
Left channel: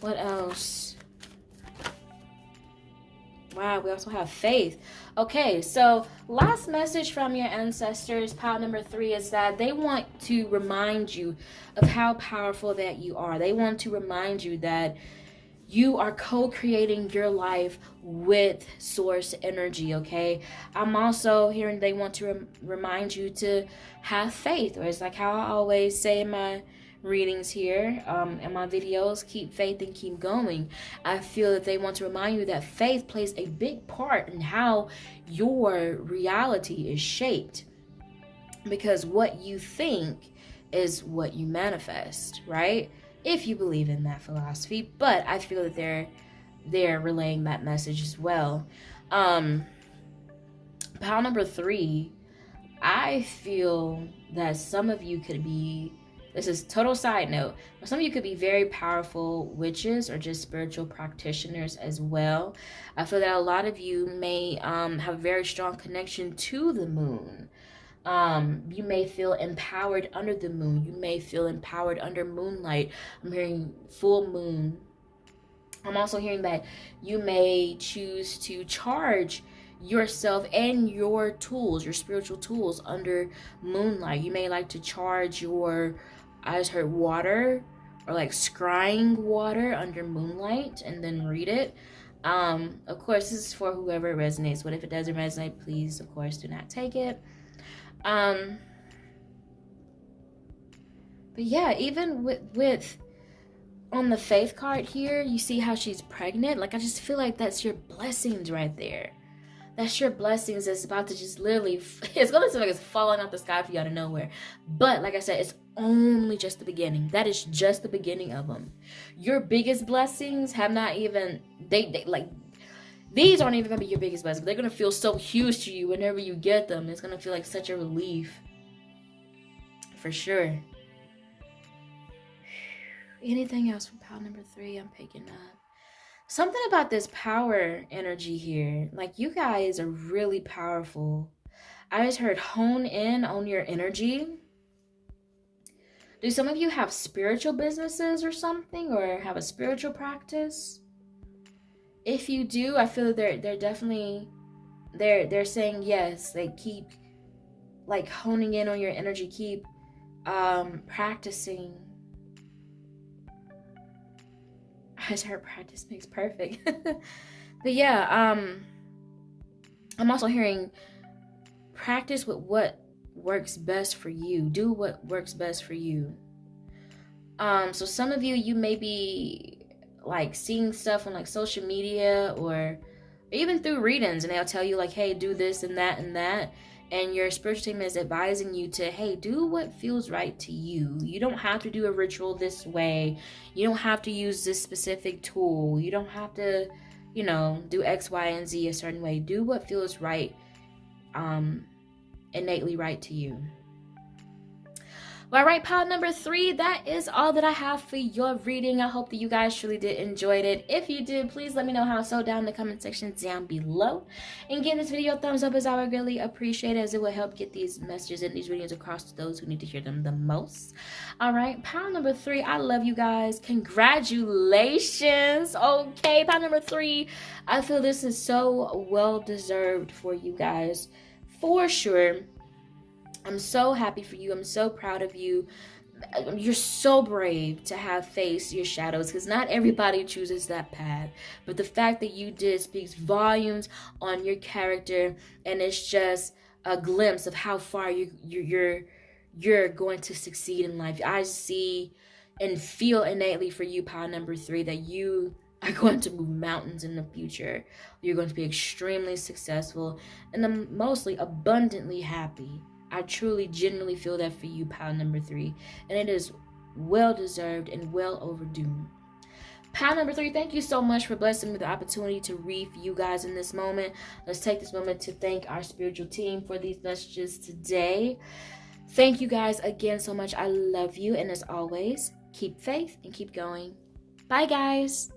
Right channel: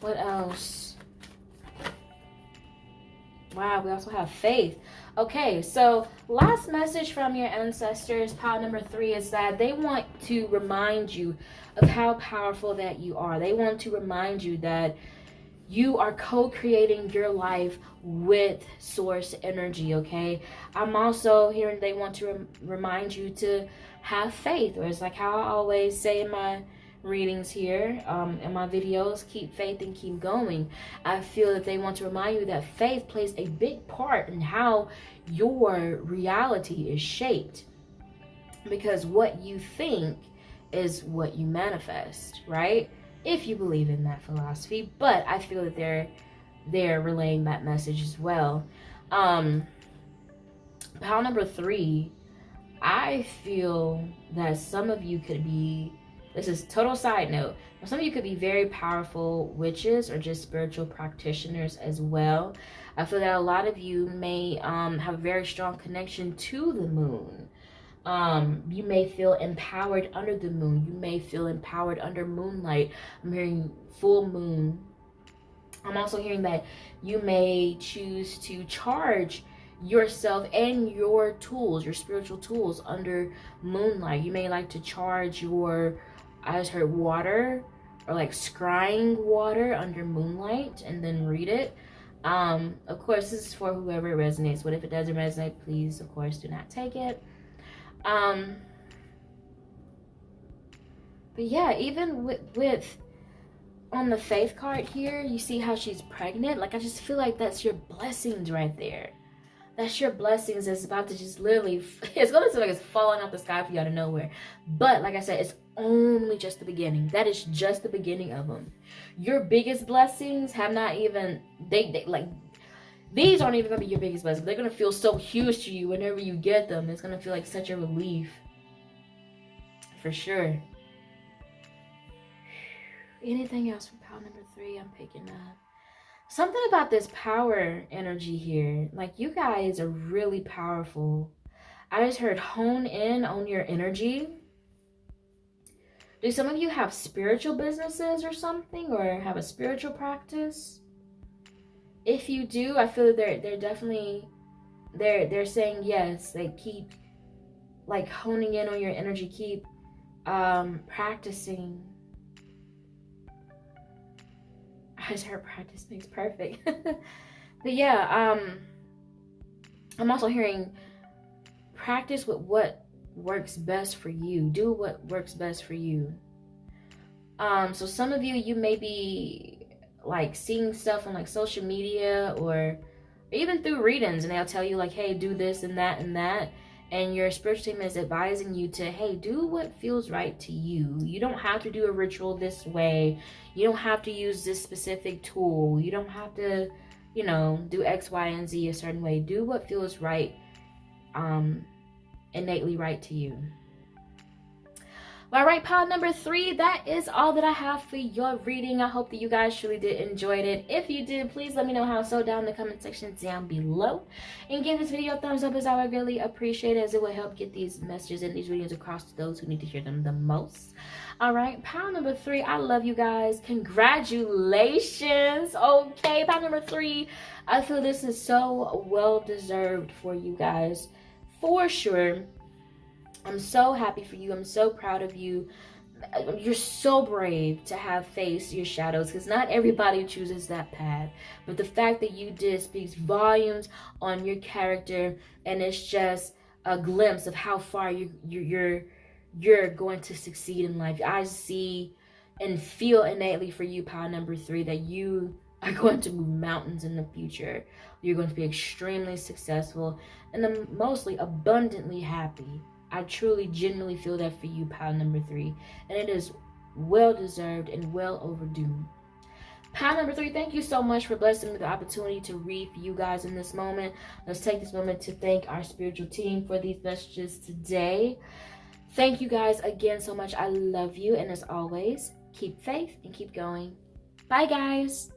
What else? Wow, we also have faith. Okay, so last message from your ancestors, pile number 3, is that they want to remind you of how powerful that you are. They want to remind you that you are co-creating your life with source energy, okay? I'm also hearing they want to remind you to have faith, or it's like how I always say in my readings here, in my videos, keep faith and keep going. I feel that they want to remind you that faith plays a big part in how your reality is shaped, because what you think is what you manifest, right? If you believe in that philosophy. But I feel that they're relaying that message as well. Pile number 3, I feel that some of you could be, this is total side note, but some of you could be very powerful witches or just spiritual practitioners as well. I feel that a lot of you may have a very strong connection to the moon. You may feel empowered under the moon. You may feel empowered under moonlight. I'm hearing full moon. I'm also hearing that you may choose to charge yourself and your tools, your spiritual tools, under moonlight. You may like to charge your, I just heard water, or like scrying water under moonlight, and then read it. Of course, this is for whoever it resonates with. If it doesn't resonate, please, of course, do not take it. But yeah, even with on the faith card here, you see how she's pregnant. Like, I just feel like that's your blessings right there. That's your blessings that's about to just literally, it's gonna seem like it's falling out the sky for you out of nowhere. But like I said, it's only just the beginning. That is just the beginning of them. Your biggest blessings have not even, they like, these aren't even gonna be your biggest blessings. They're gonna feel so huge to you whenever you get them. It's gonna feel like such a relief. For sure. Anything else from pile number 3 I'm picking up? Something about this power energy here. Like, you guys are really powerful. I just heard hone in on your energy. Do some of you have spiritual businesses or something, or have a spiritual practice? If you do, I feel that they're definitely, they're saying yes. They keep like honing in on your energy, keep practicing. I just heard practice makes perfect. But yeah, I'm also hearing practice with what works best for you. Do what works best for you. So some of you may be like seeing stuff on like social media, or even through readings, and they'll tell you like, hey, do this and that and that. And your spiritual team is advising you to, hey, do what feels right to you. You don't have to do a ritual this way. You don't have to use this specific tool. You don't have to, you know, do X, Y, and Z a certain way. Do what feels right, innately right to you. All right, pile number 3, that is all that I have for your reading. I hope that you guys truly did enjoy it. If you did, please let me know how so down in the comment section down below. And give this video a thumbs up, as I would really appreciate it, as it will help get these messages and these videos across to those who need to hear them the most. All right, pile number 3, I love you guys. Congratulations. Okay, pile number 3, I feel this is so well deserved for you guys, for sure. I'm so happy for you. I'm so proud of you. You're so brave to have faced your shadows, because not everybody chooses that path. But the fact that you did speaks volumes on your character, and it's just a glimpse of how far you're going to succeed in life. I see and feel innately for you, pile number 3, that you are going to move mountains in the future. You're going to be extremely successful, and I'm mostly abundantly happy. I truly, genuinely feel that for you, pile number 3. And it is well deserved and well overdue. Pile number 3, thank you so much for blessing me with the opportunity to read for you guys in this moment. Let's take this moment to thank our spiritual team for these messages today. Thank you guys again so much. I love you. And as always, keep faith and keep going. Bye, guys.